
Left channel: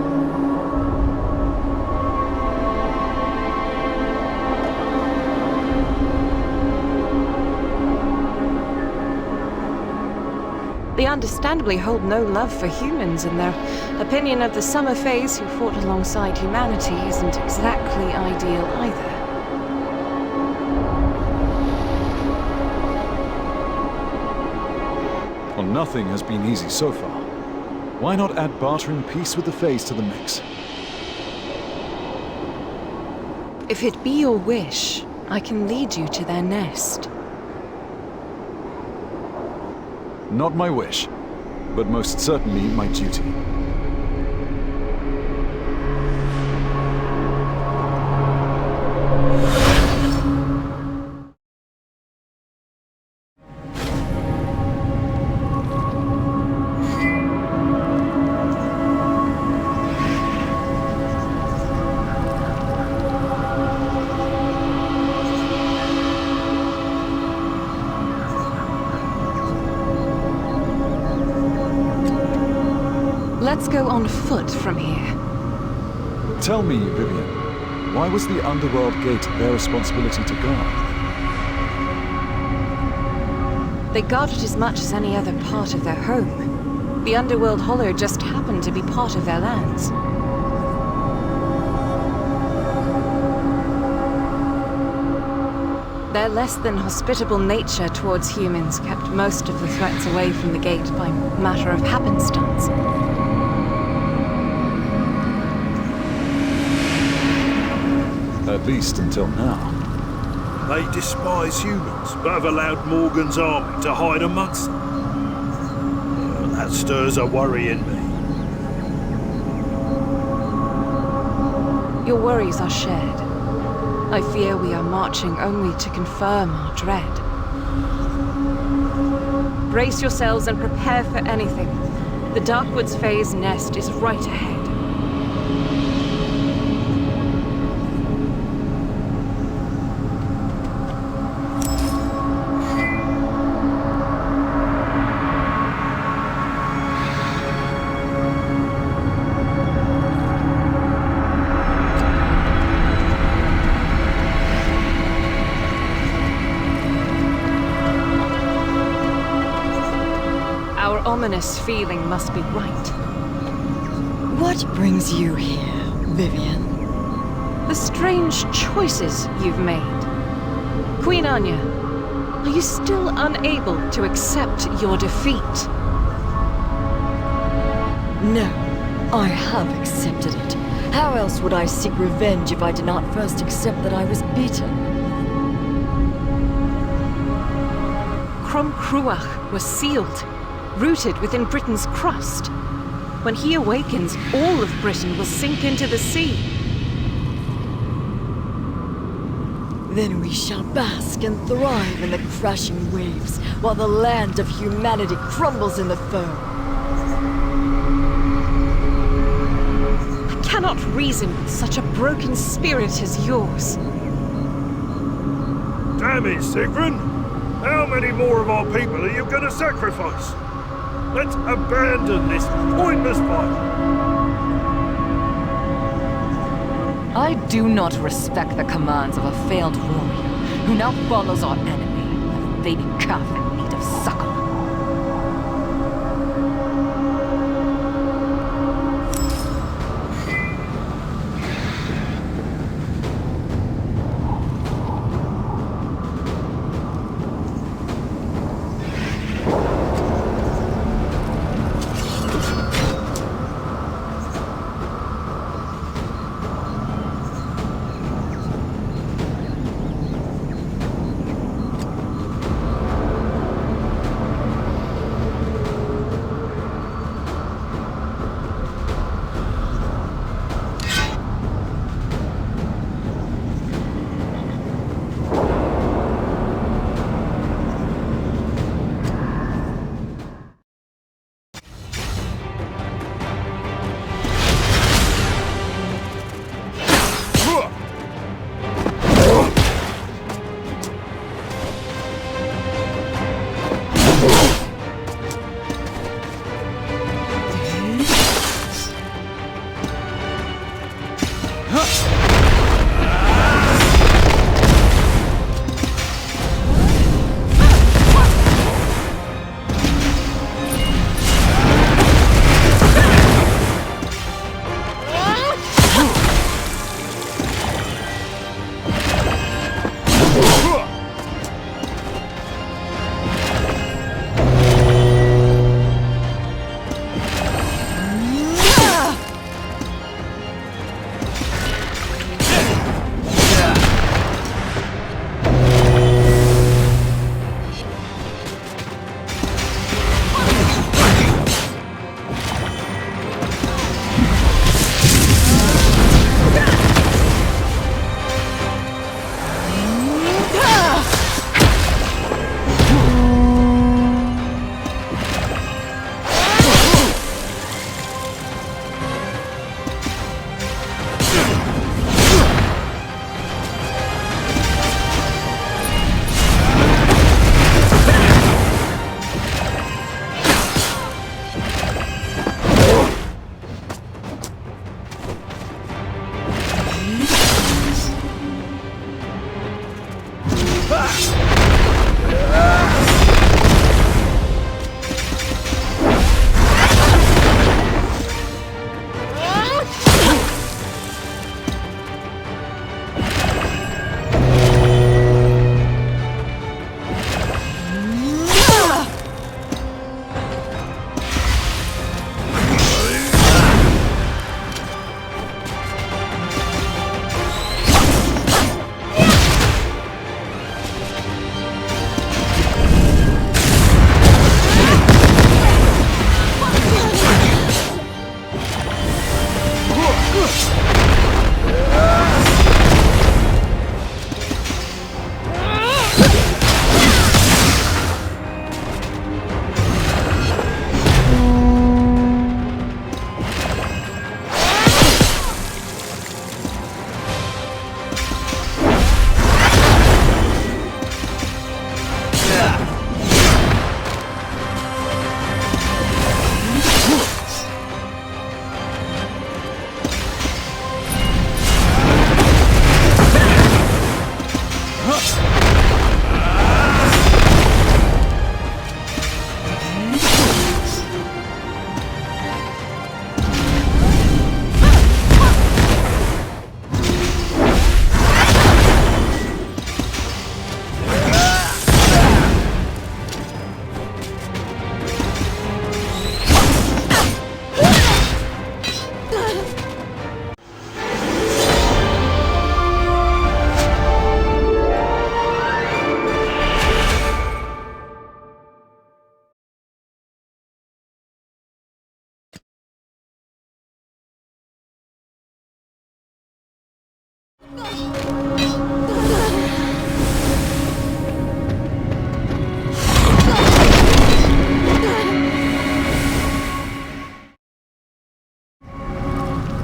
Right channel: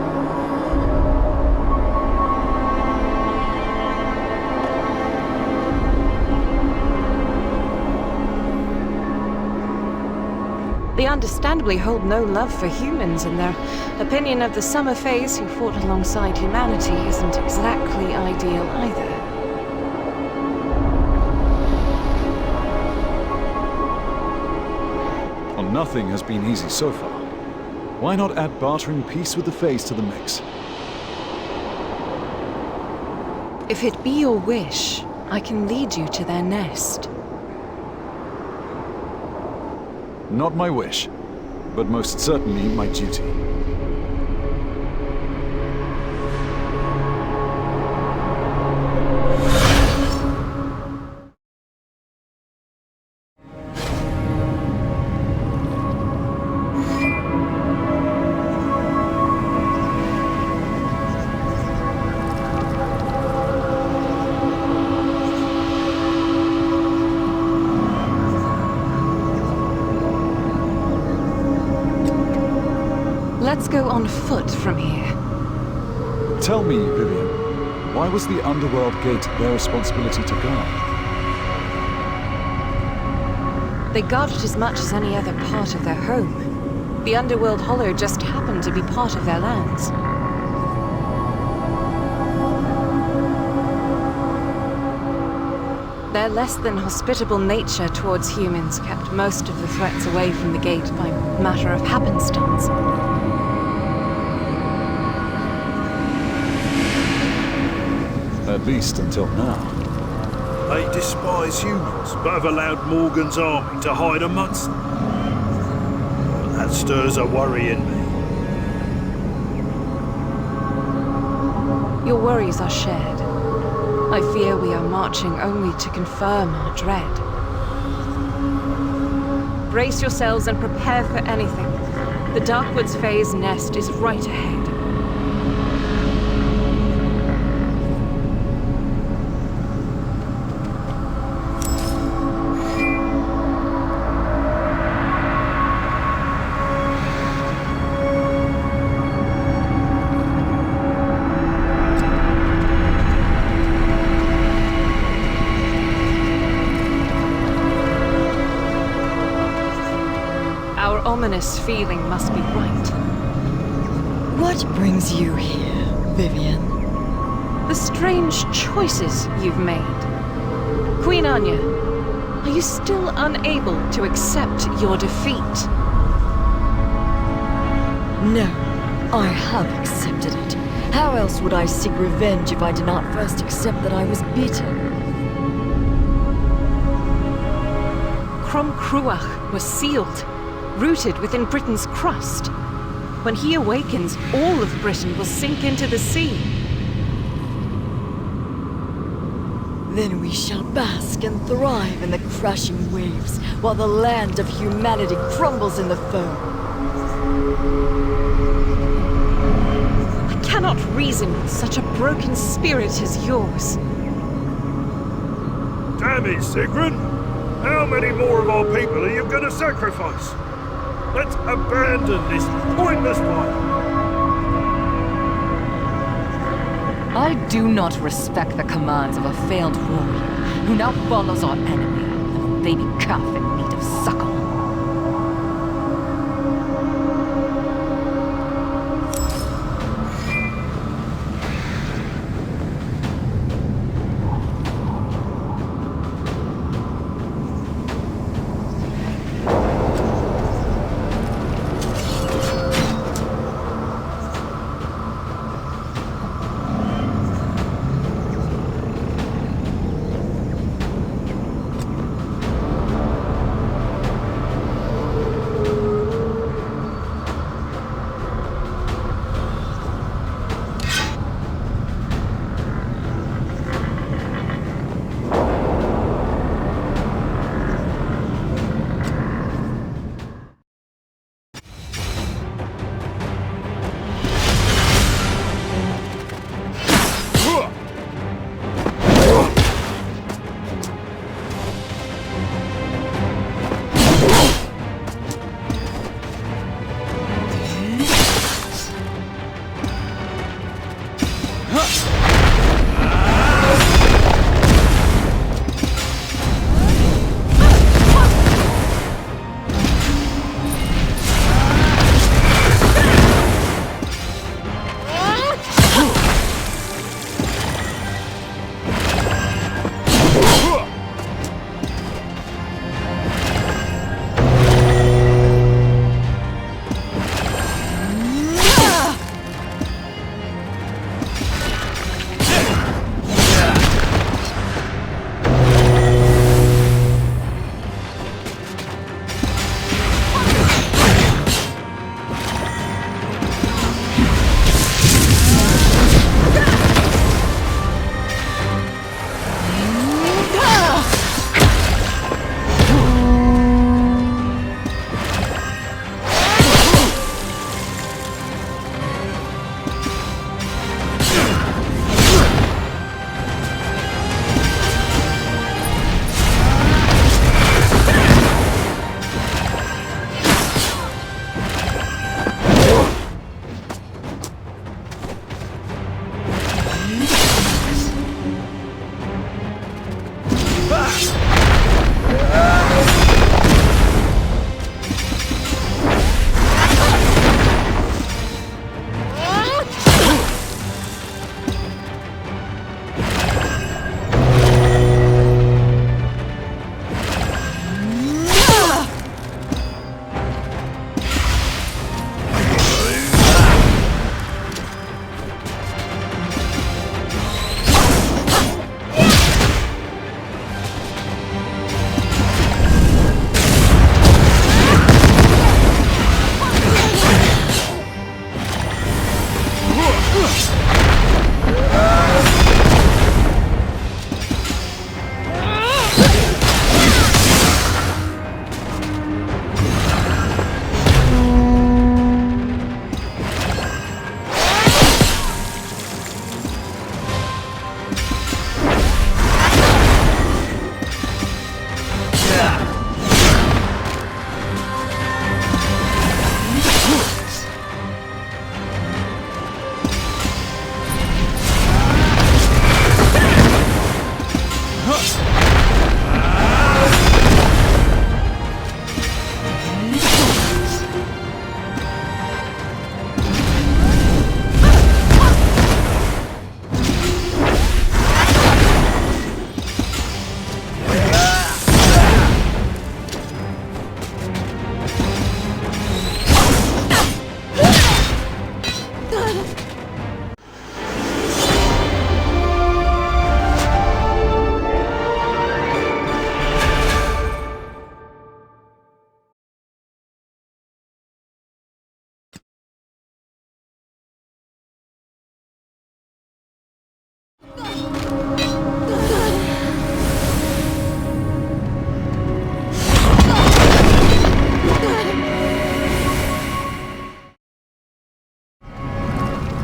They understandably hold no love for humans, and their opinion of the Summer Phase who fought alongside humanity isn't exactly ideal either. Well, nothing has been easy so far. Why not add bartering peace with the Phase to the mix? If it be your wish, I can lead you to their nest. Not my wish, but most certainly my duty. Let's go on foot from here. Tell me, Vivian, why was the Underworld Gate their responsibility to guard? They guard it as much as any other part of their home. The Underworld Hollow just happened to be part of their lands. Their less than hospitable nature towards humans kept most of the threats away from the gate by matter of happenstance. At least until now. They despise humans, but have allowed Morgan's army to hide amongst them. That stirs a worry in me. Your worries are shared. I fear we are marching only to confirm our dread. Brace yourselves and prepare for anything. The Darkwood's Fae's nest is right ahead. Our ominous feeling must be right. What brings you here, Vivian? The strange choices you've made. Queen Anya, are you still unable to accept your defeat? No, I have accepted it. How else would I seek revenge if I did not first accept that I was beaten? Crom Cruach was sealed, rooted within Britain's crust. When he awakens, all of Britain will sink into the sea. Then we shall bask and thrive in the crashing waves, while the land of humanity crumbles in the foam. I cannot reason with such a broken spirit as yours. Damn it, Sigrun! How many more of our people are you gonna sacrifice? Let's abandon this pointless fight! I do not respect the commands of a failed warrior who now follows our enemy like a baby calf in need of suckle.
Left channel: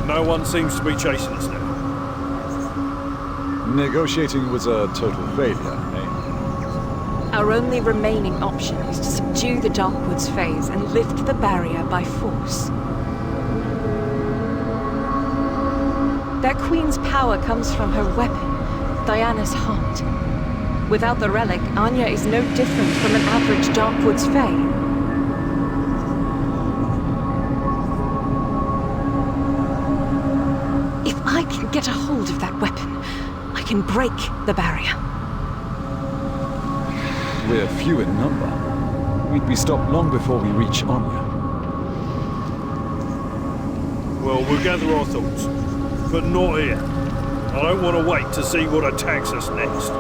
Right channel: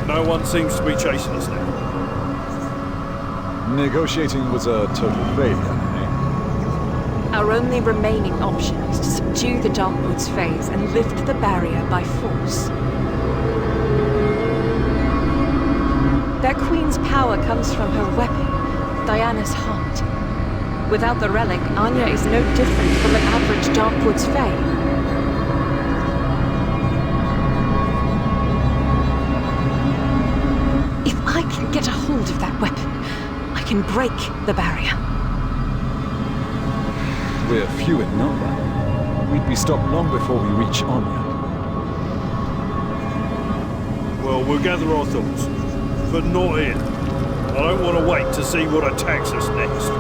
No one seems to be chasing us now. Negotiating was a total failure, eh? Our only remaining option is to subdue the Darkwoods phase and lift the barrier by force. Their queen's power comes from her weapon, Diana's heart. Without the relic, Anya is no different from an average Darkwoods Fae. If I can get a hold of that weapon, I can break the barrier. We're few in number. We'd be stopped long before we reach Anya. Well, we'll gather our thoughts. But not here. I don't want to wait to see what attacks us next.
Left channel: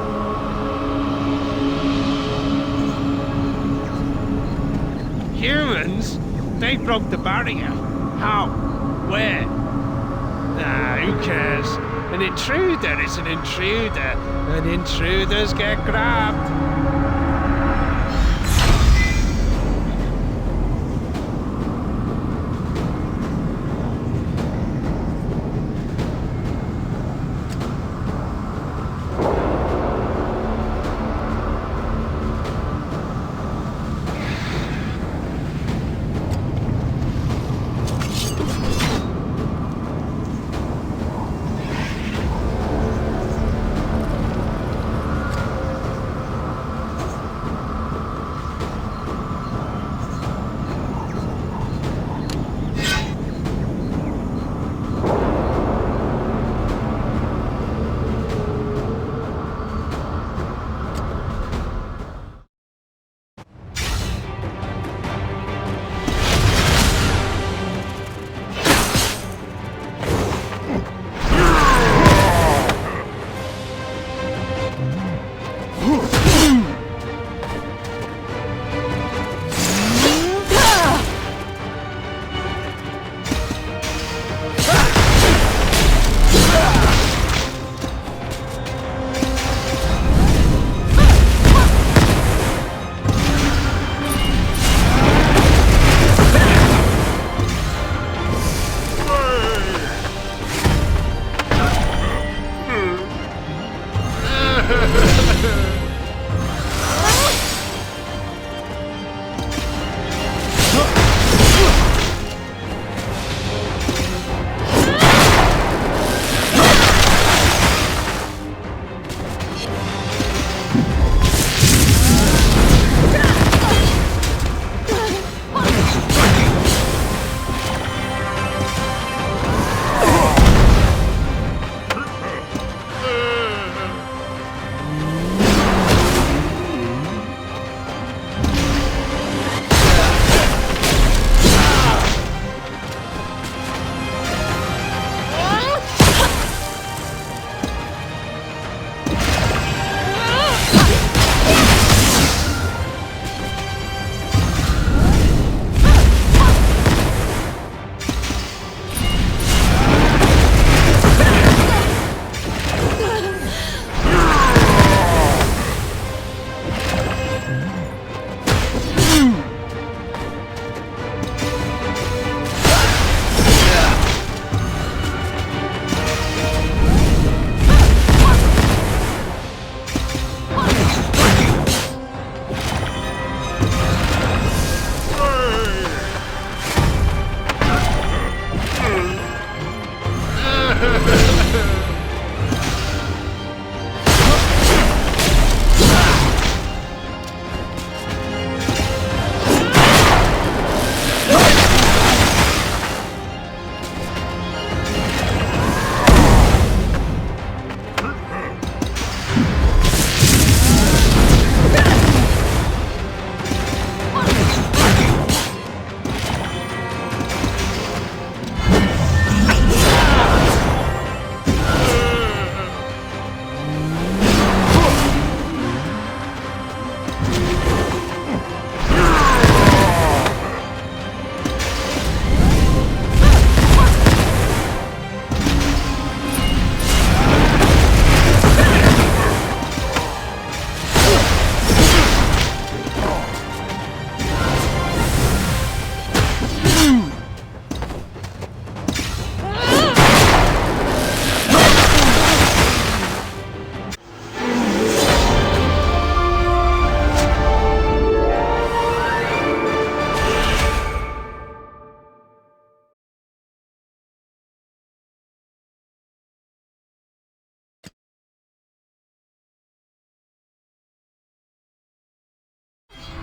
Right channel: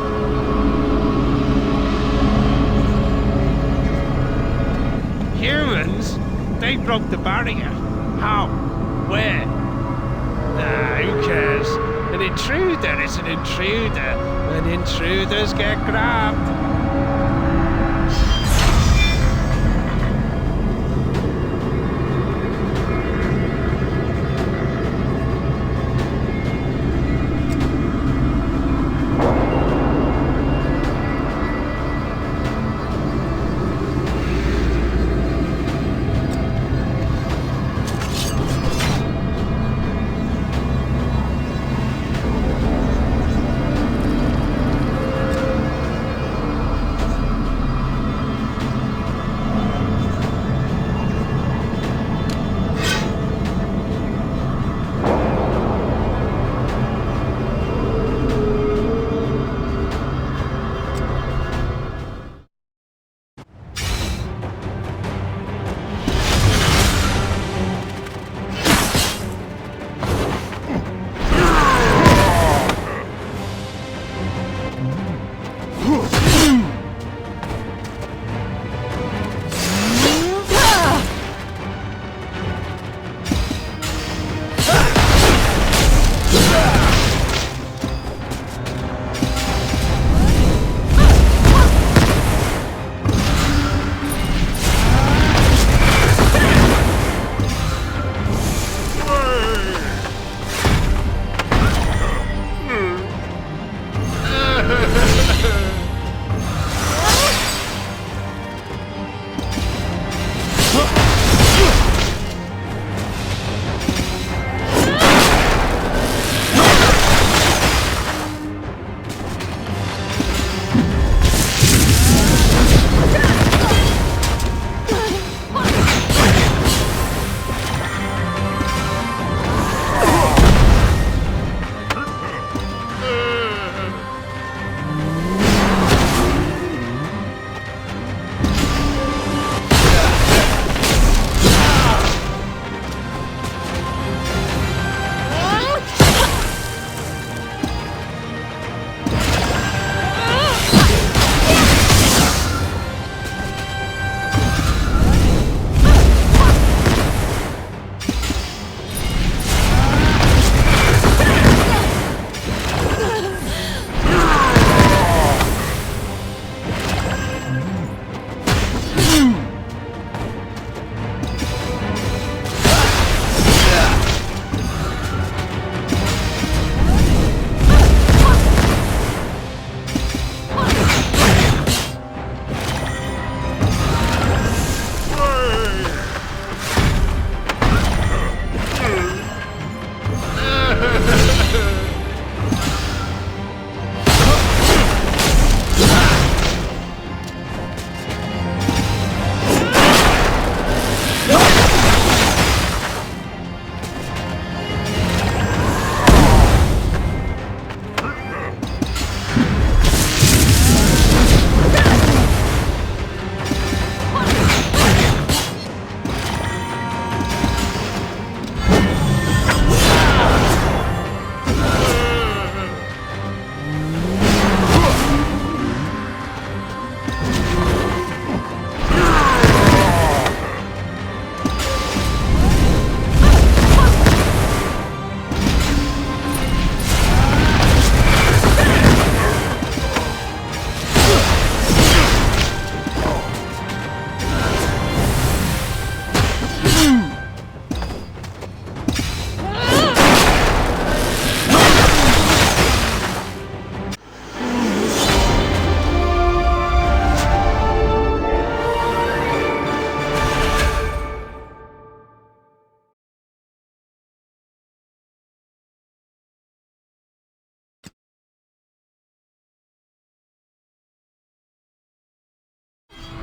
Humans? They broke the barrier. How? Where? Ah, who cares? An intruder is an intruder, and intruders get grabbed.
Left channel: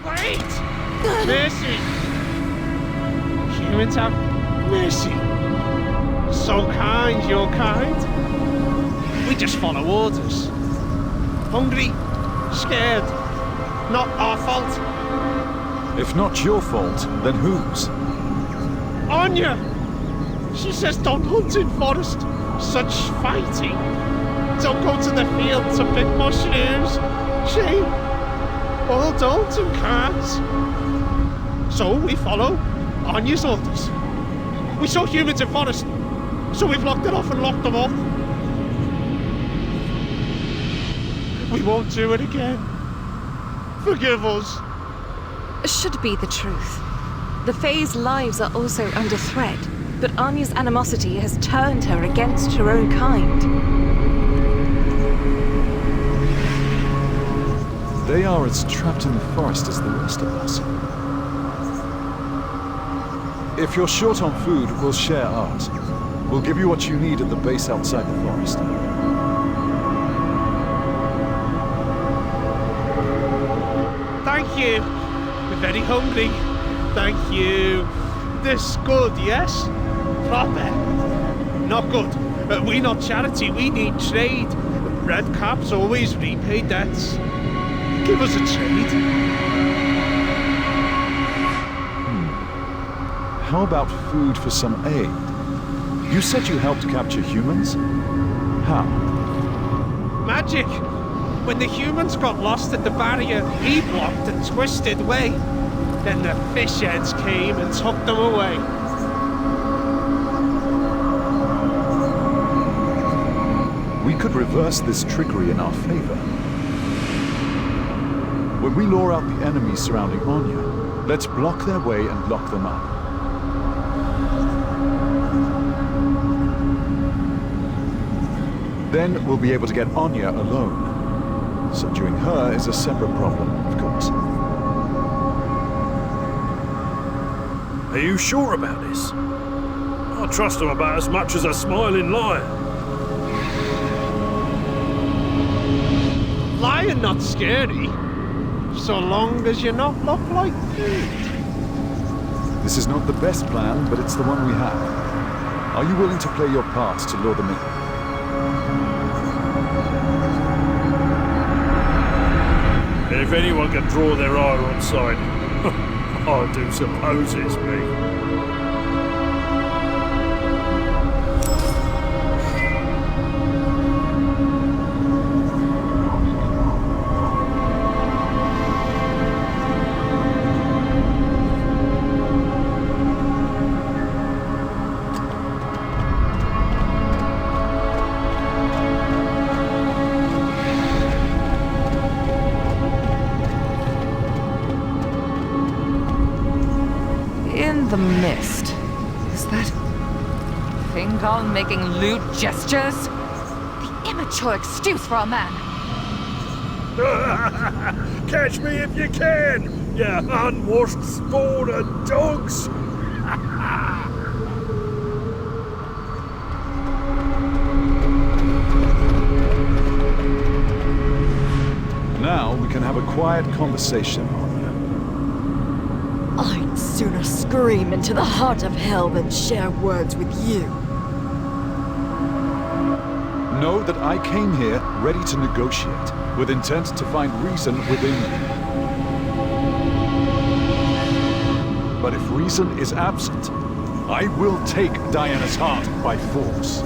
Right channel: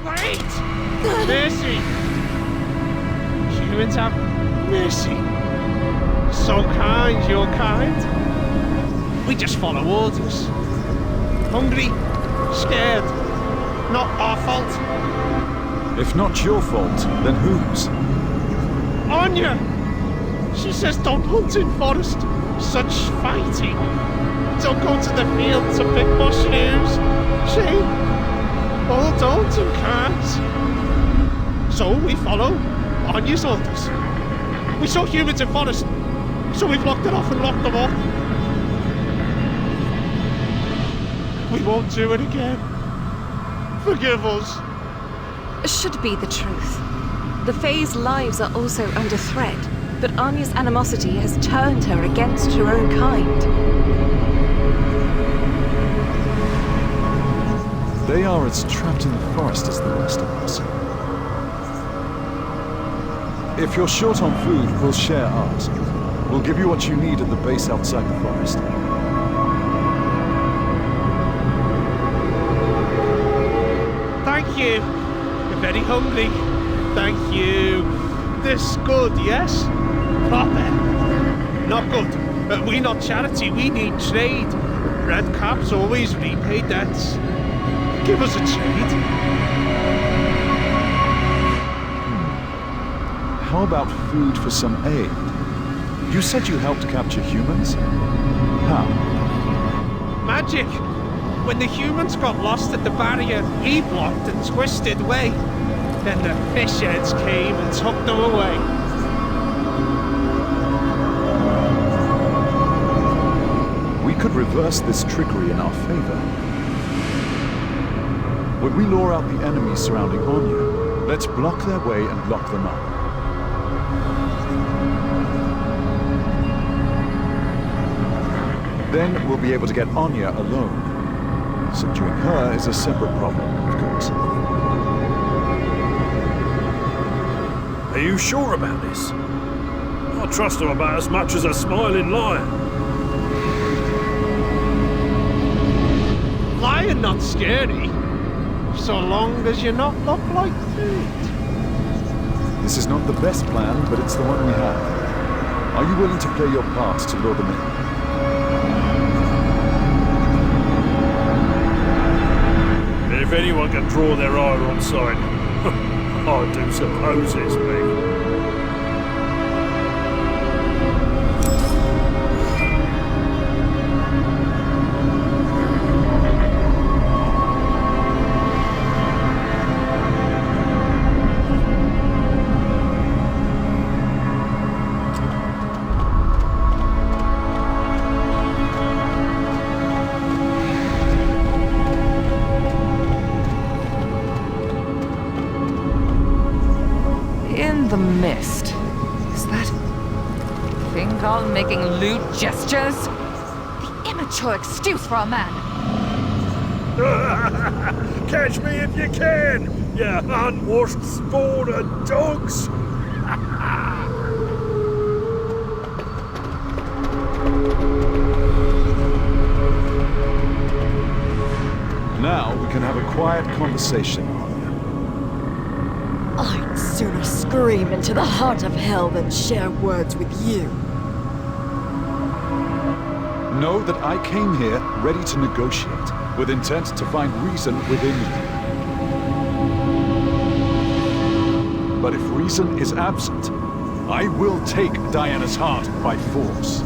Wait! Mercy! Humans have mercy. So kind, your kind. We just follow orders. Hungry, scared. Not our fault. If not your fault, then whose? Anya! She says don't hunt in forest. Such fighting. Don't go to the field to pick mushrooms. Shame. All don't and can't. So we follow Anya's orders. We saw humans in forest, so we've locked it off and locked them up. We won't do it again. Forgive us. Should be the truth. The Fae's lives are also under threat, but Anya's animosity has turned her against her own kind. They are as trapped in the forest as the rest of us. If you're short on food, we'll share ours. We'll give you what you need at the base outside the forest. Thank you. We're very hungry. Thank you. This good, yes? Proper. Not good. We not charity, we need trade. Red Caps always repay debts. Give us a trade. How about food for some aid? You said you helped capture humans? How? Magic. When the humans got lost at the barrier, we blocked and twisted way. Then the fish heads came and took them away. We could reverse this trickery in our favor. When we lure out the enemies surrounding Anya, let's block their way and lock them up. Then we'll be able to get Anya alone. Subduing her is a separate problem, of course. Are you sure about this? I trust him about as much as a smiling lion. Lion not scary, so long as you not look like food. This is not the best plan, but it's the one we have. Are you willing to play your part to lure them in? If anyone can draw their ire on sight, I do suppose it's me. In the mist. Is that thing all making lewd gestures? The immature excuse for a man. Catch me if you can, you unwashed spawn of dogs! Now we can have a quiet conversation, Anya. I'd sooner scream into the heart of hell than share words with you. Know that I came here ready to negotiate, with intent to find reason within you. But if reason is absent, I will take Diana's heart by force.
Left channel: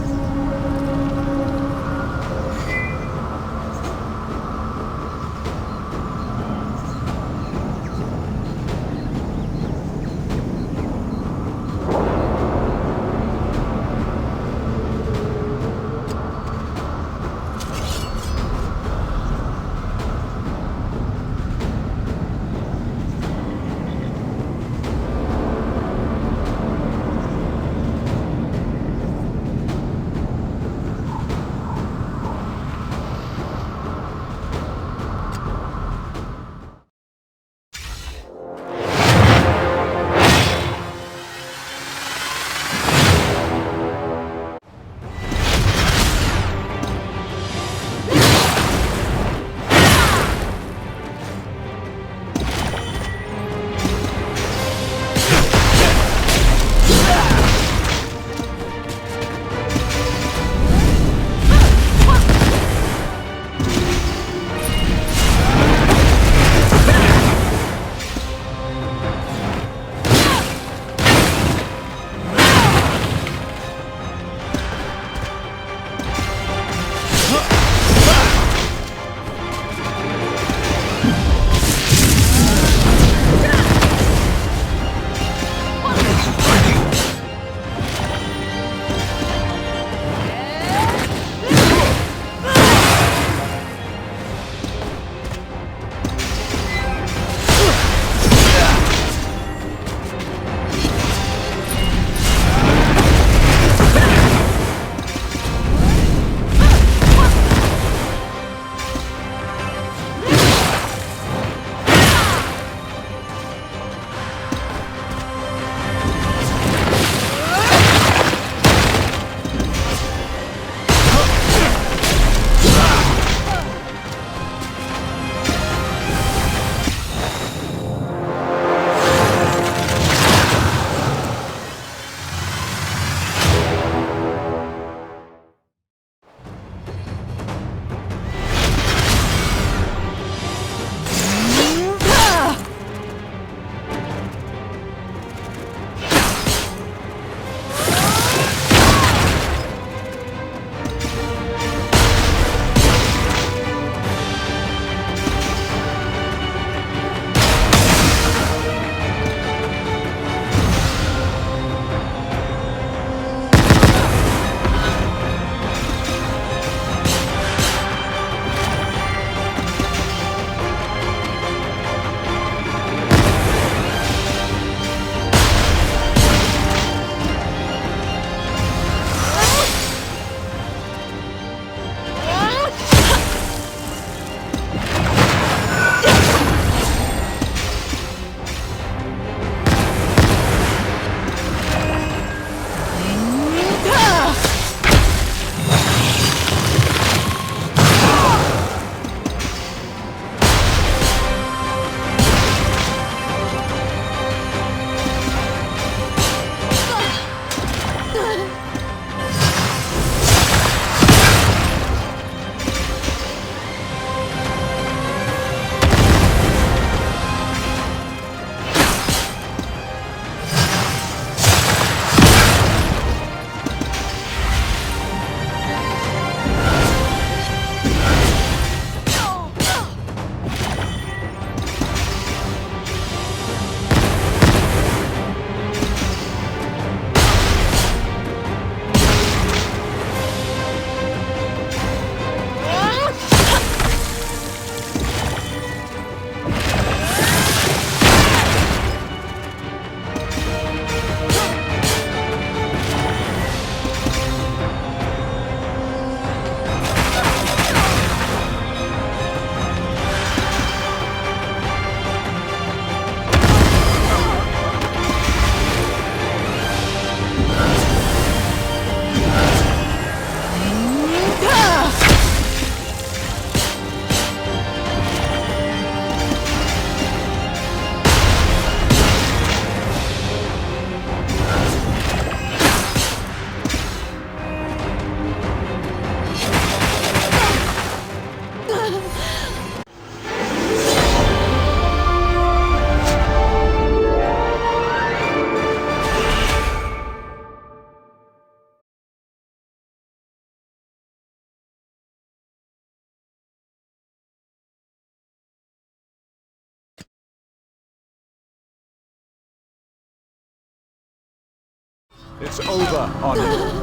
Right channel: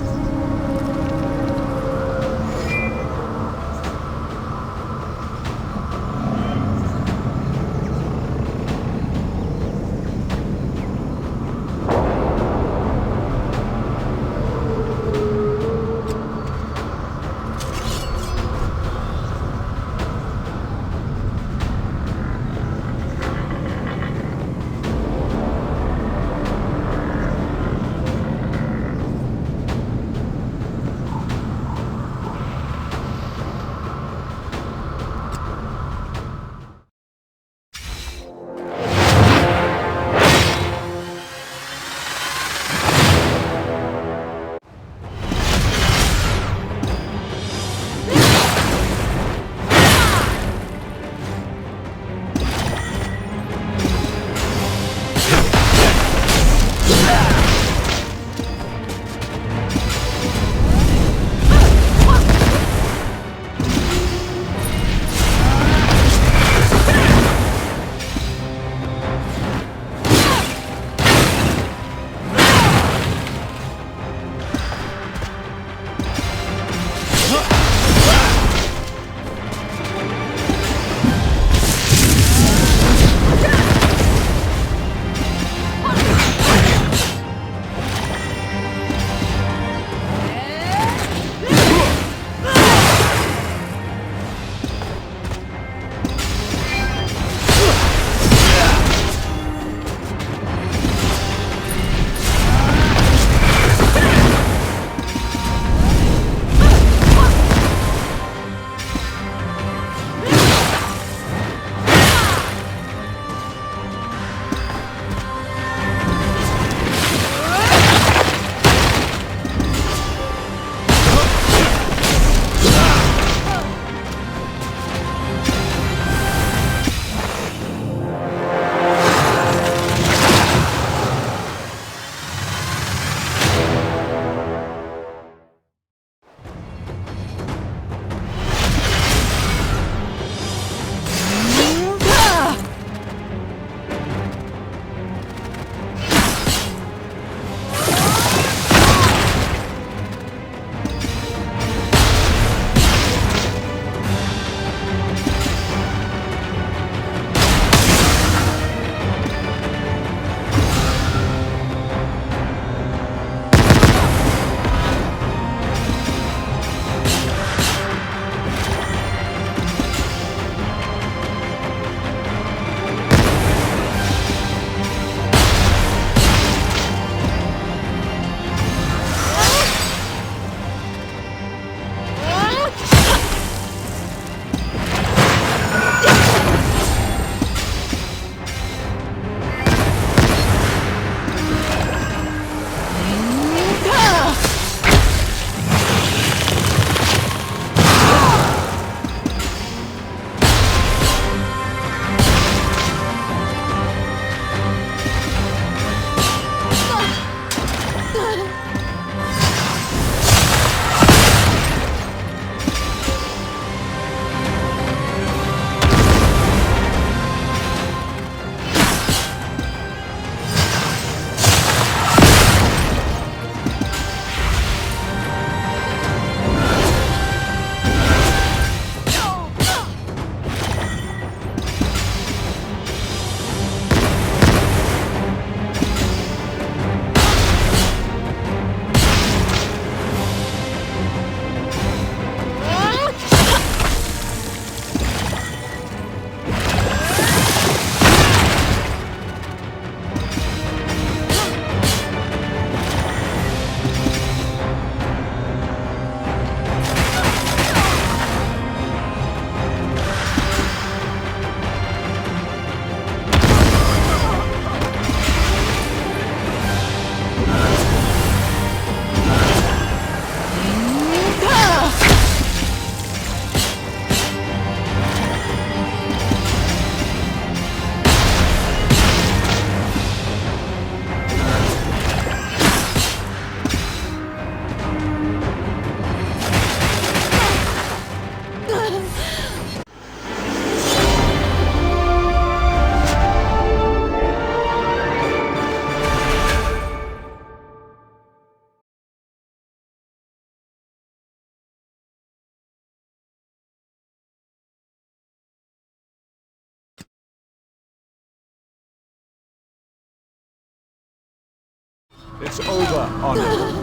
It's over, Anya.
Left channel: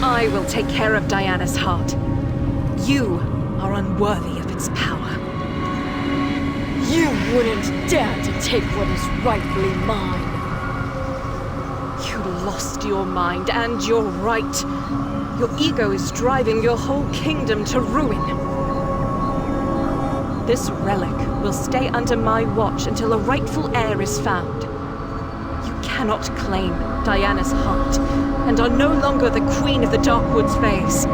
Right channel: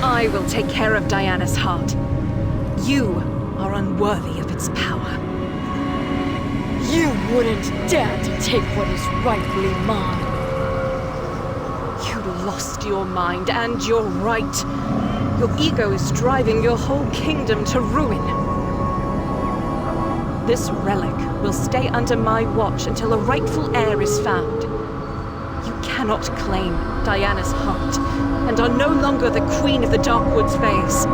I will take care of Diana's heart. You are unworthy of its power. You wouldn't dare to take what is rightfully mine. You lost your mind and your right. Your ego is driving your whole kingdom to ruin. This relic will stay under my watch until a rightful heir is found. You cannot claim Diana's heart, and are no longer the Queen of the Darkwoods Fays.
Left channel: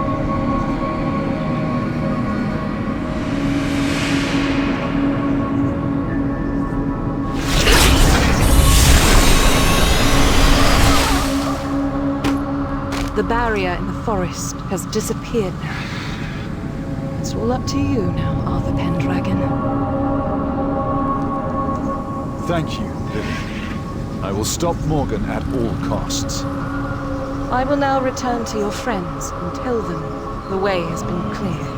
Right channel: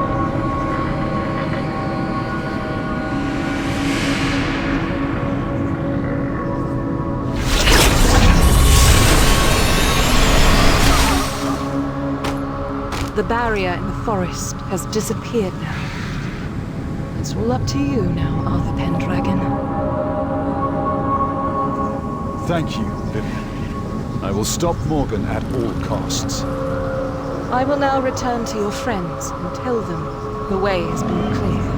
The barrier in the forest has disappeared now. It's all up to you now, Arthur Pendragon. Thank you, Vivian. I will stop Morgan at all costs. I will now return to your friends and tell them the way has been cleared.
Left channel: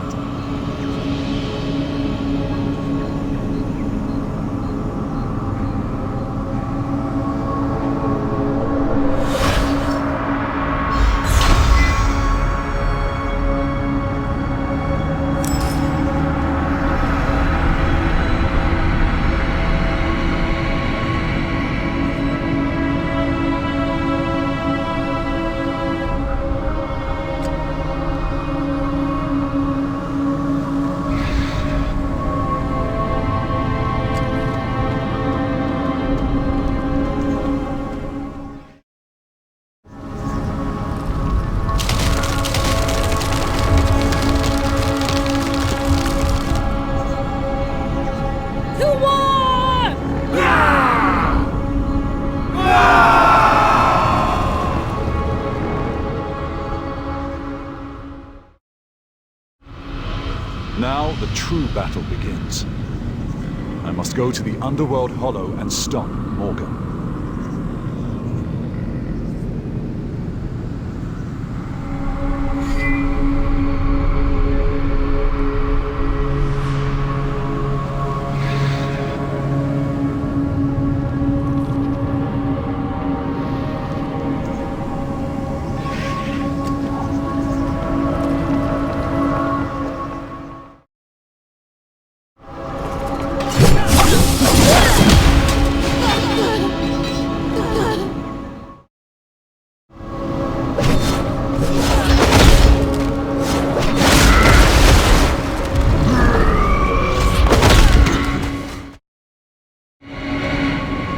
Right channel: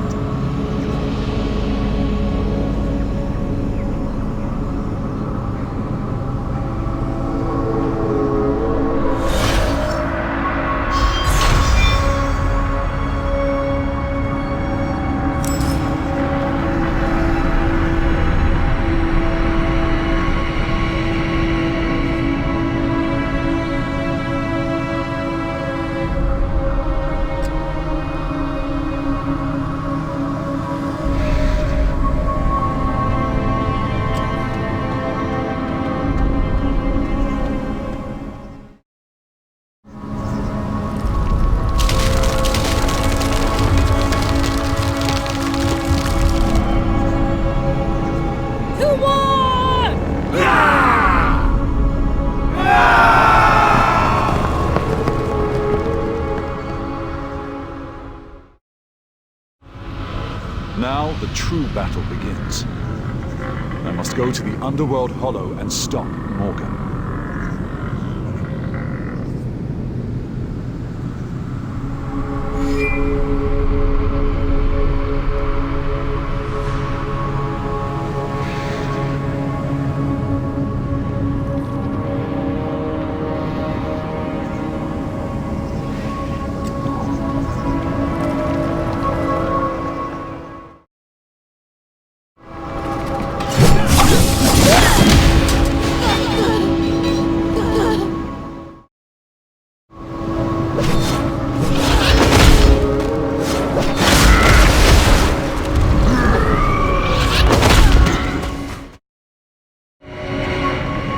Now the true battle begins. I must go to the Underworld Hollow and stop Morgan.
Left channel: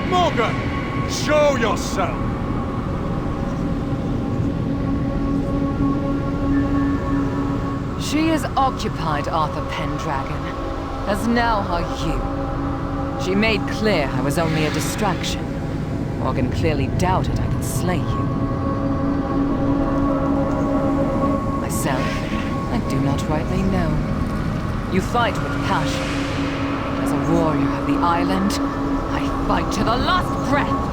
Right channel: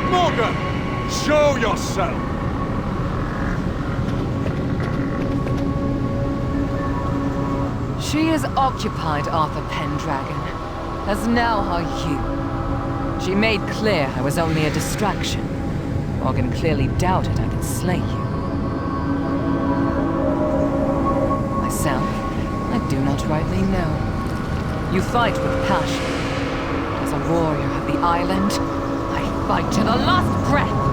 Morgan! Show yourself! She is occupied, Arthur Pendragon, as now are you. She made clear I was only a distraction. Morgan clearly doubted I could slay you. myself, I do not rightly know. You fight with passion, but as a warrior of the island, I fight to the last breath!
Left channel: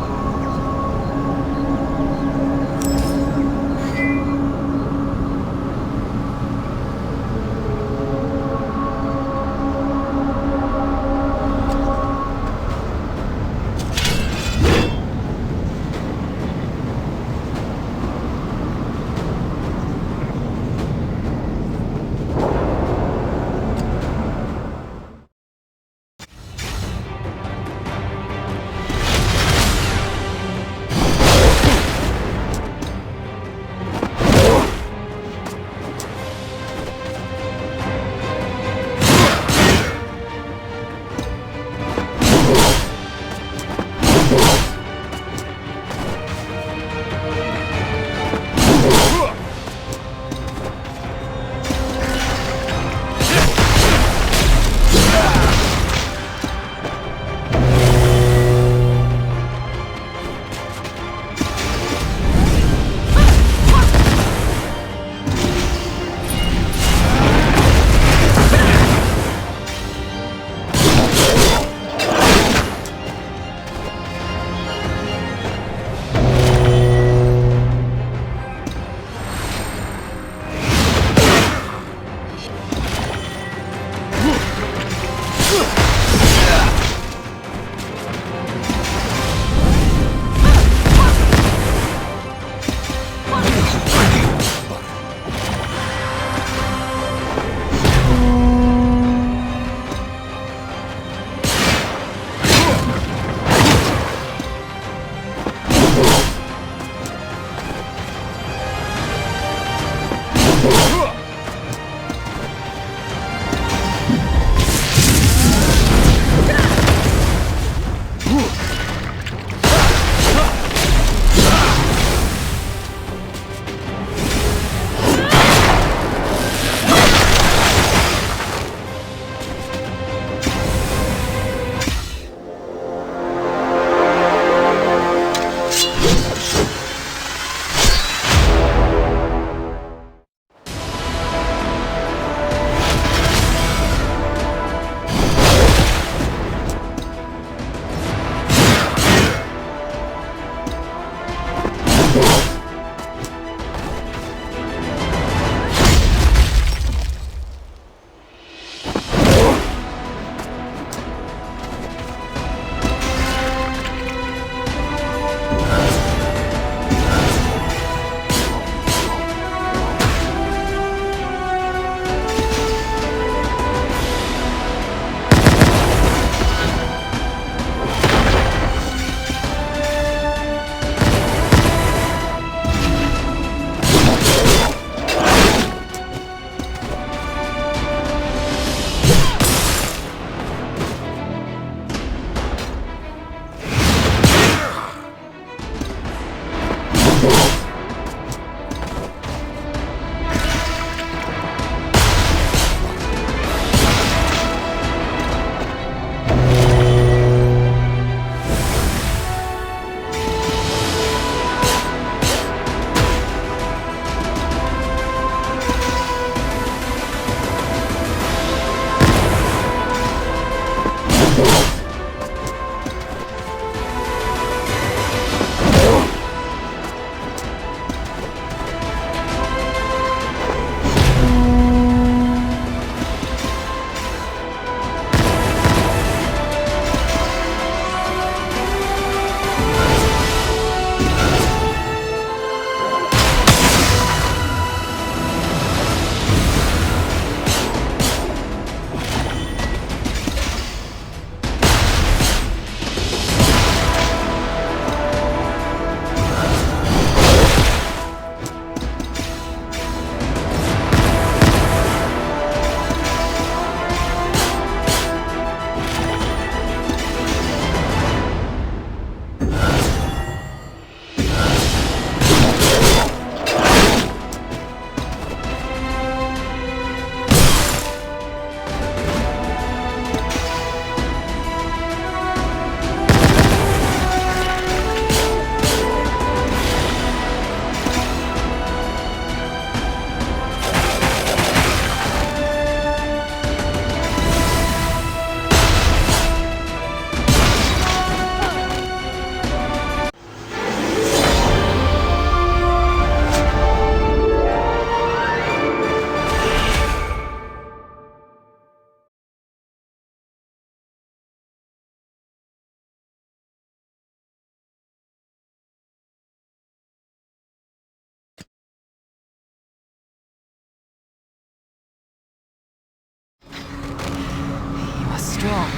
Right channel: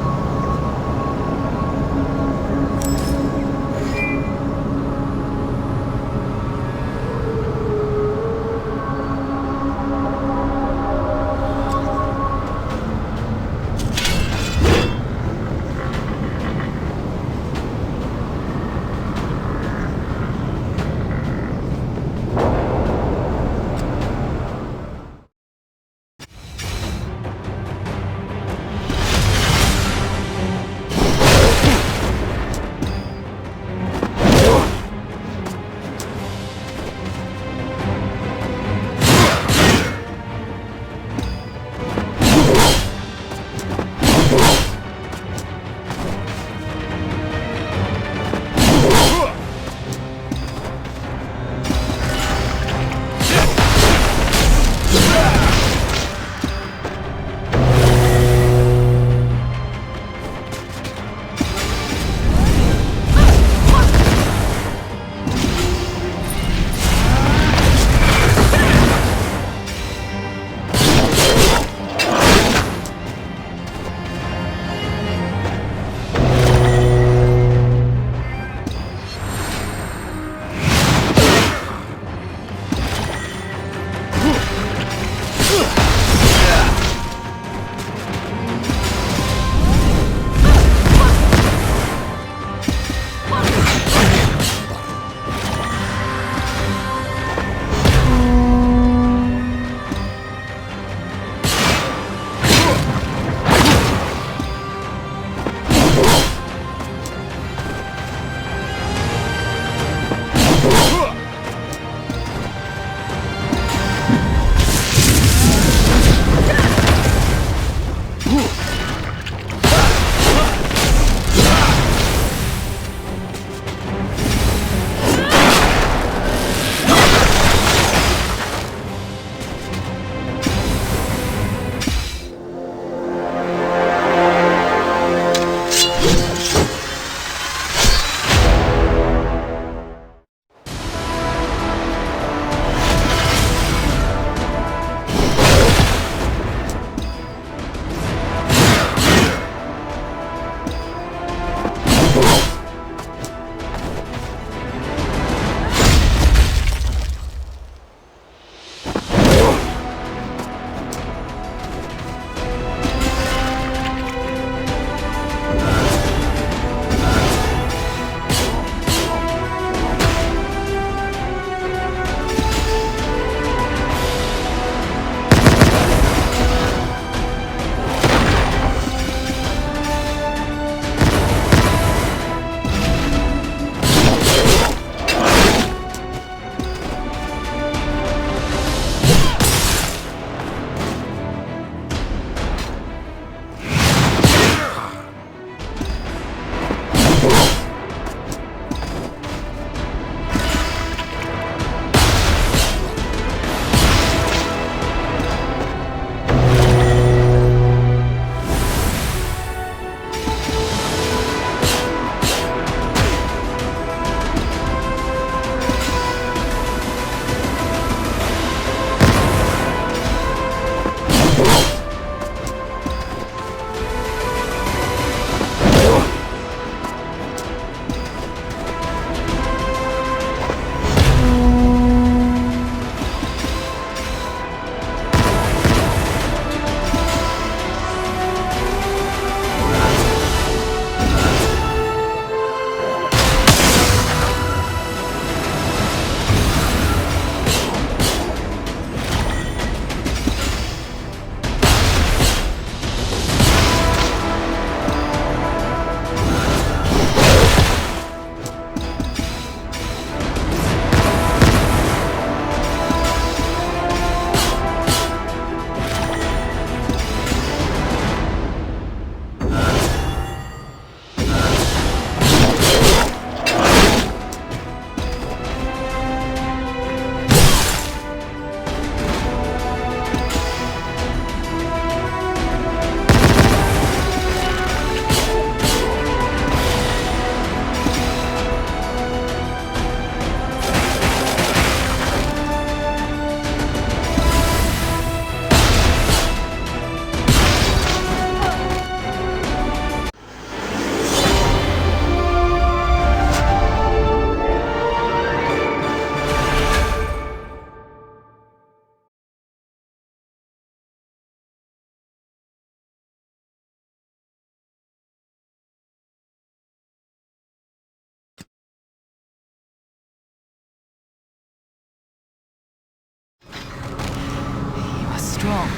strong,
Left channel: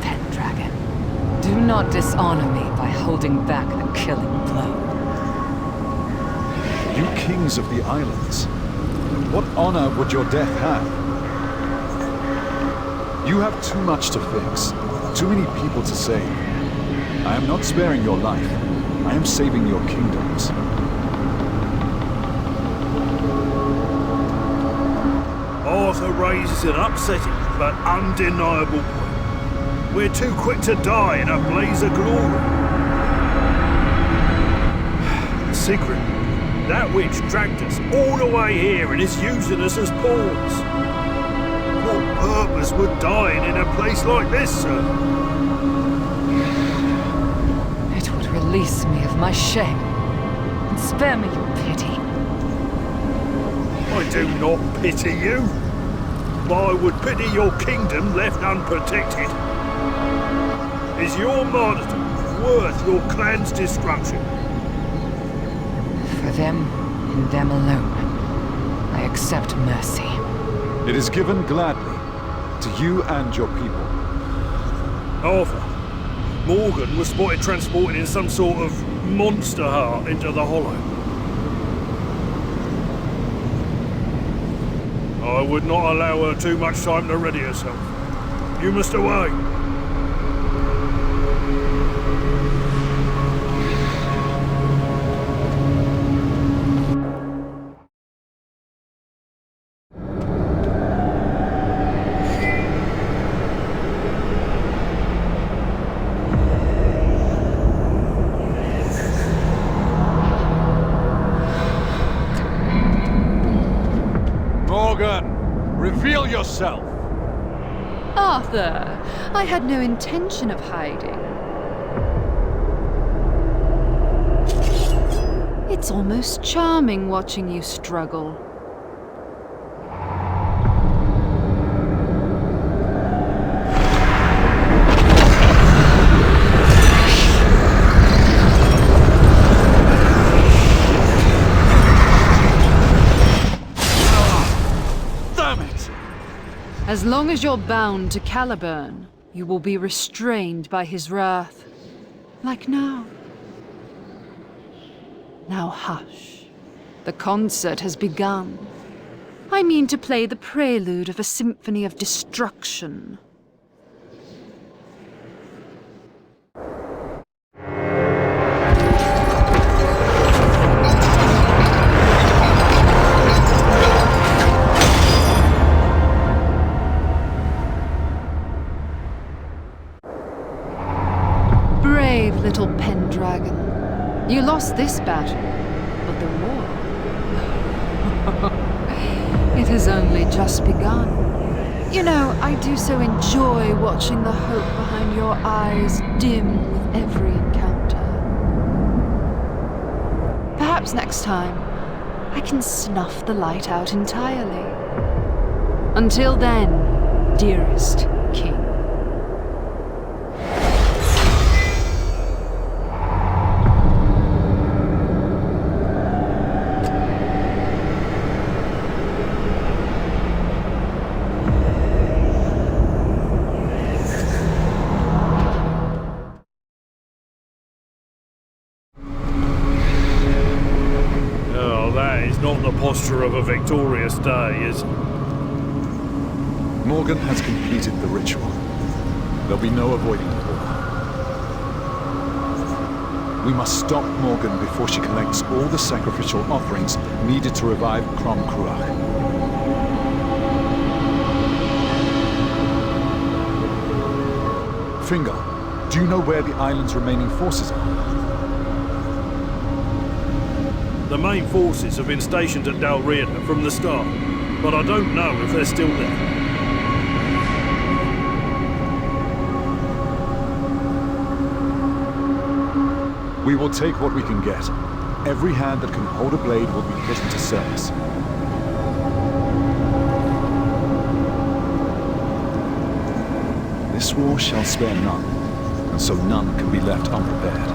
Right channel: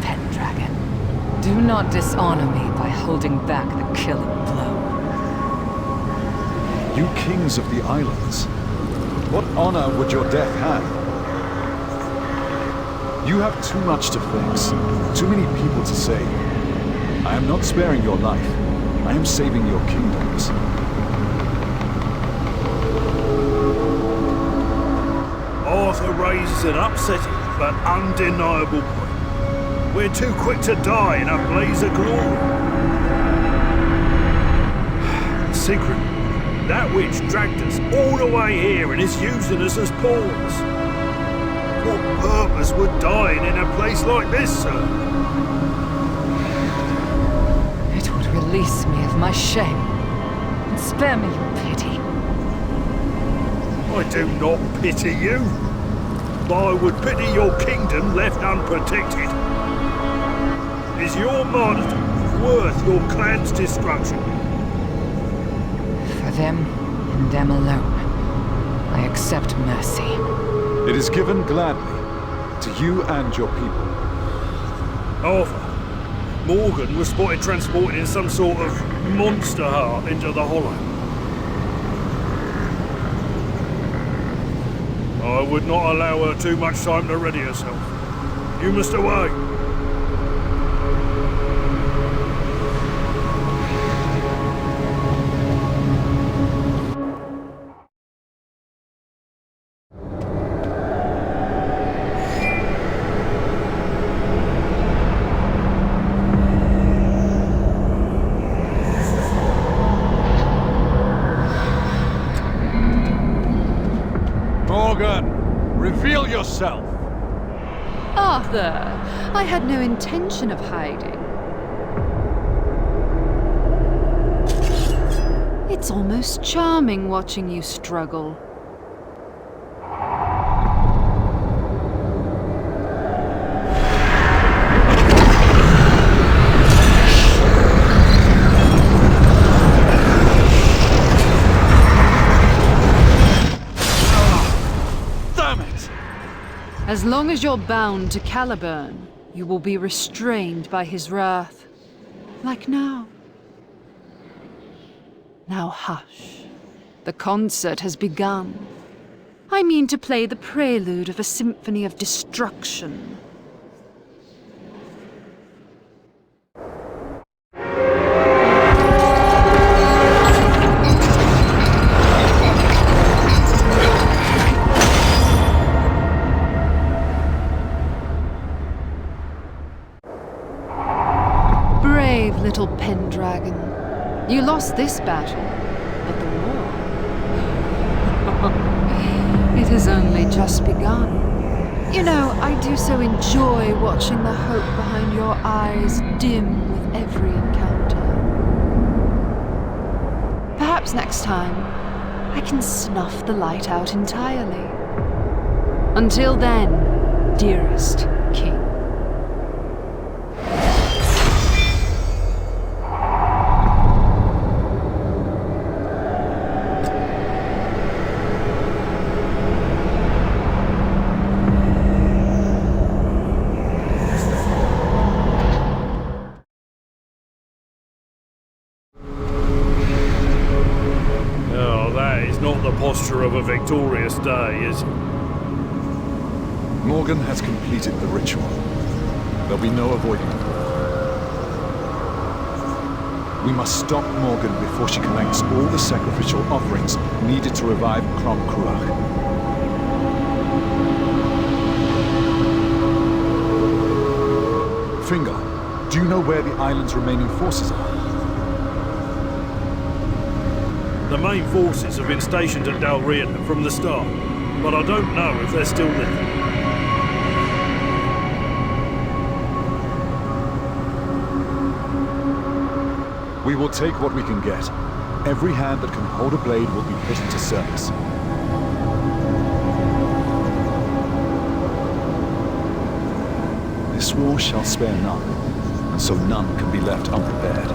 Pendragon. Do not dishonor me by holding back the killing blow. You kings of the islands, what honor would your death have? You have too much to fix, too many people to save. I am not sparing your life. I am saving your kingdoms. Arthur raises an upsetting but undeniable point. We're too quick to die in a blaze of glory. Sigrid, that witch dragged us all the way here and is using us as pawns. What purpose would dying in a place like this serve? It would release me of my shame and spare me your pity. I do not pity you, but I would pity your kingdom left unprotected. Is your martyrdom worth your clan's destruction? For them, and them alone, I accept mercy. It is given gladly, to you and your people. Arthur, Morgan was spotted transporting in some sort of monster heart into the Hollow. I would not allow her too much time to ready herself. You must away. Morgan, reveal yourself! Arthur, I had no intention of hiding. It's almost charming watching you struggle. As long as you're bound to Caliburn, you will be restrained by his wrath. Like now. Now hush. The concert has begun. I mean to play the prelude of a symphony of destruction. Brave little Pendragon. You lost this battle, but the war... it has only just begun. You know, I do so enjoy watching the hope behind your eyes dim with every encounter. Perhaps next time, I can snuff the light out entirely. Until then, dearest King. Not the posture of a victorious day, is it? Morgan has completed the ritual. There'll be no avoiding a war. We must stop Morgan before she collects all the sacrificial offerings needed to revive Crom Cruach. Finger, do you know where the island's remaining forces are? The main forces have been stationed at Dalriada from the start, but I don't know if they're still there. We will take what we can get. Every hand that can hold a blade will be put into service. This war shall spare none, and so none can be left unprepared.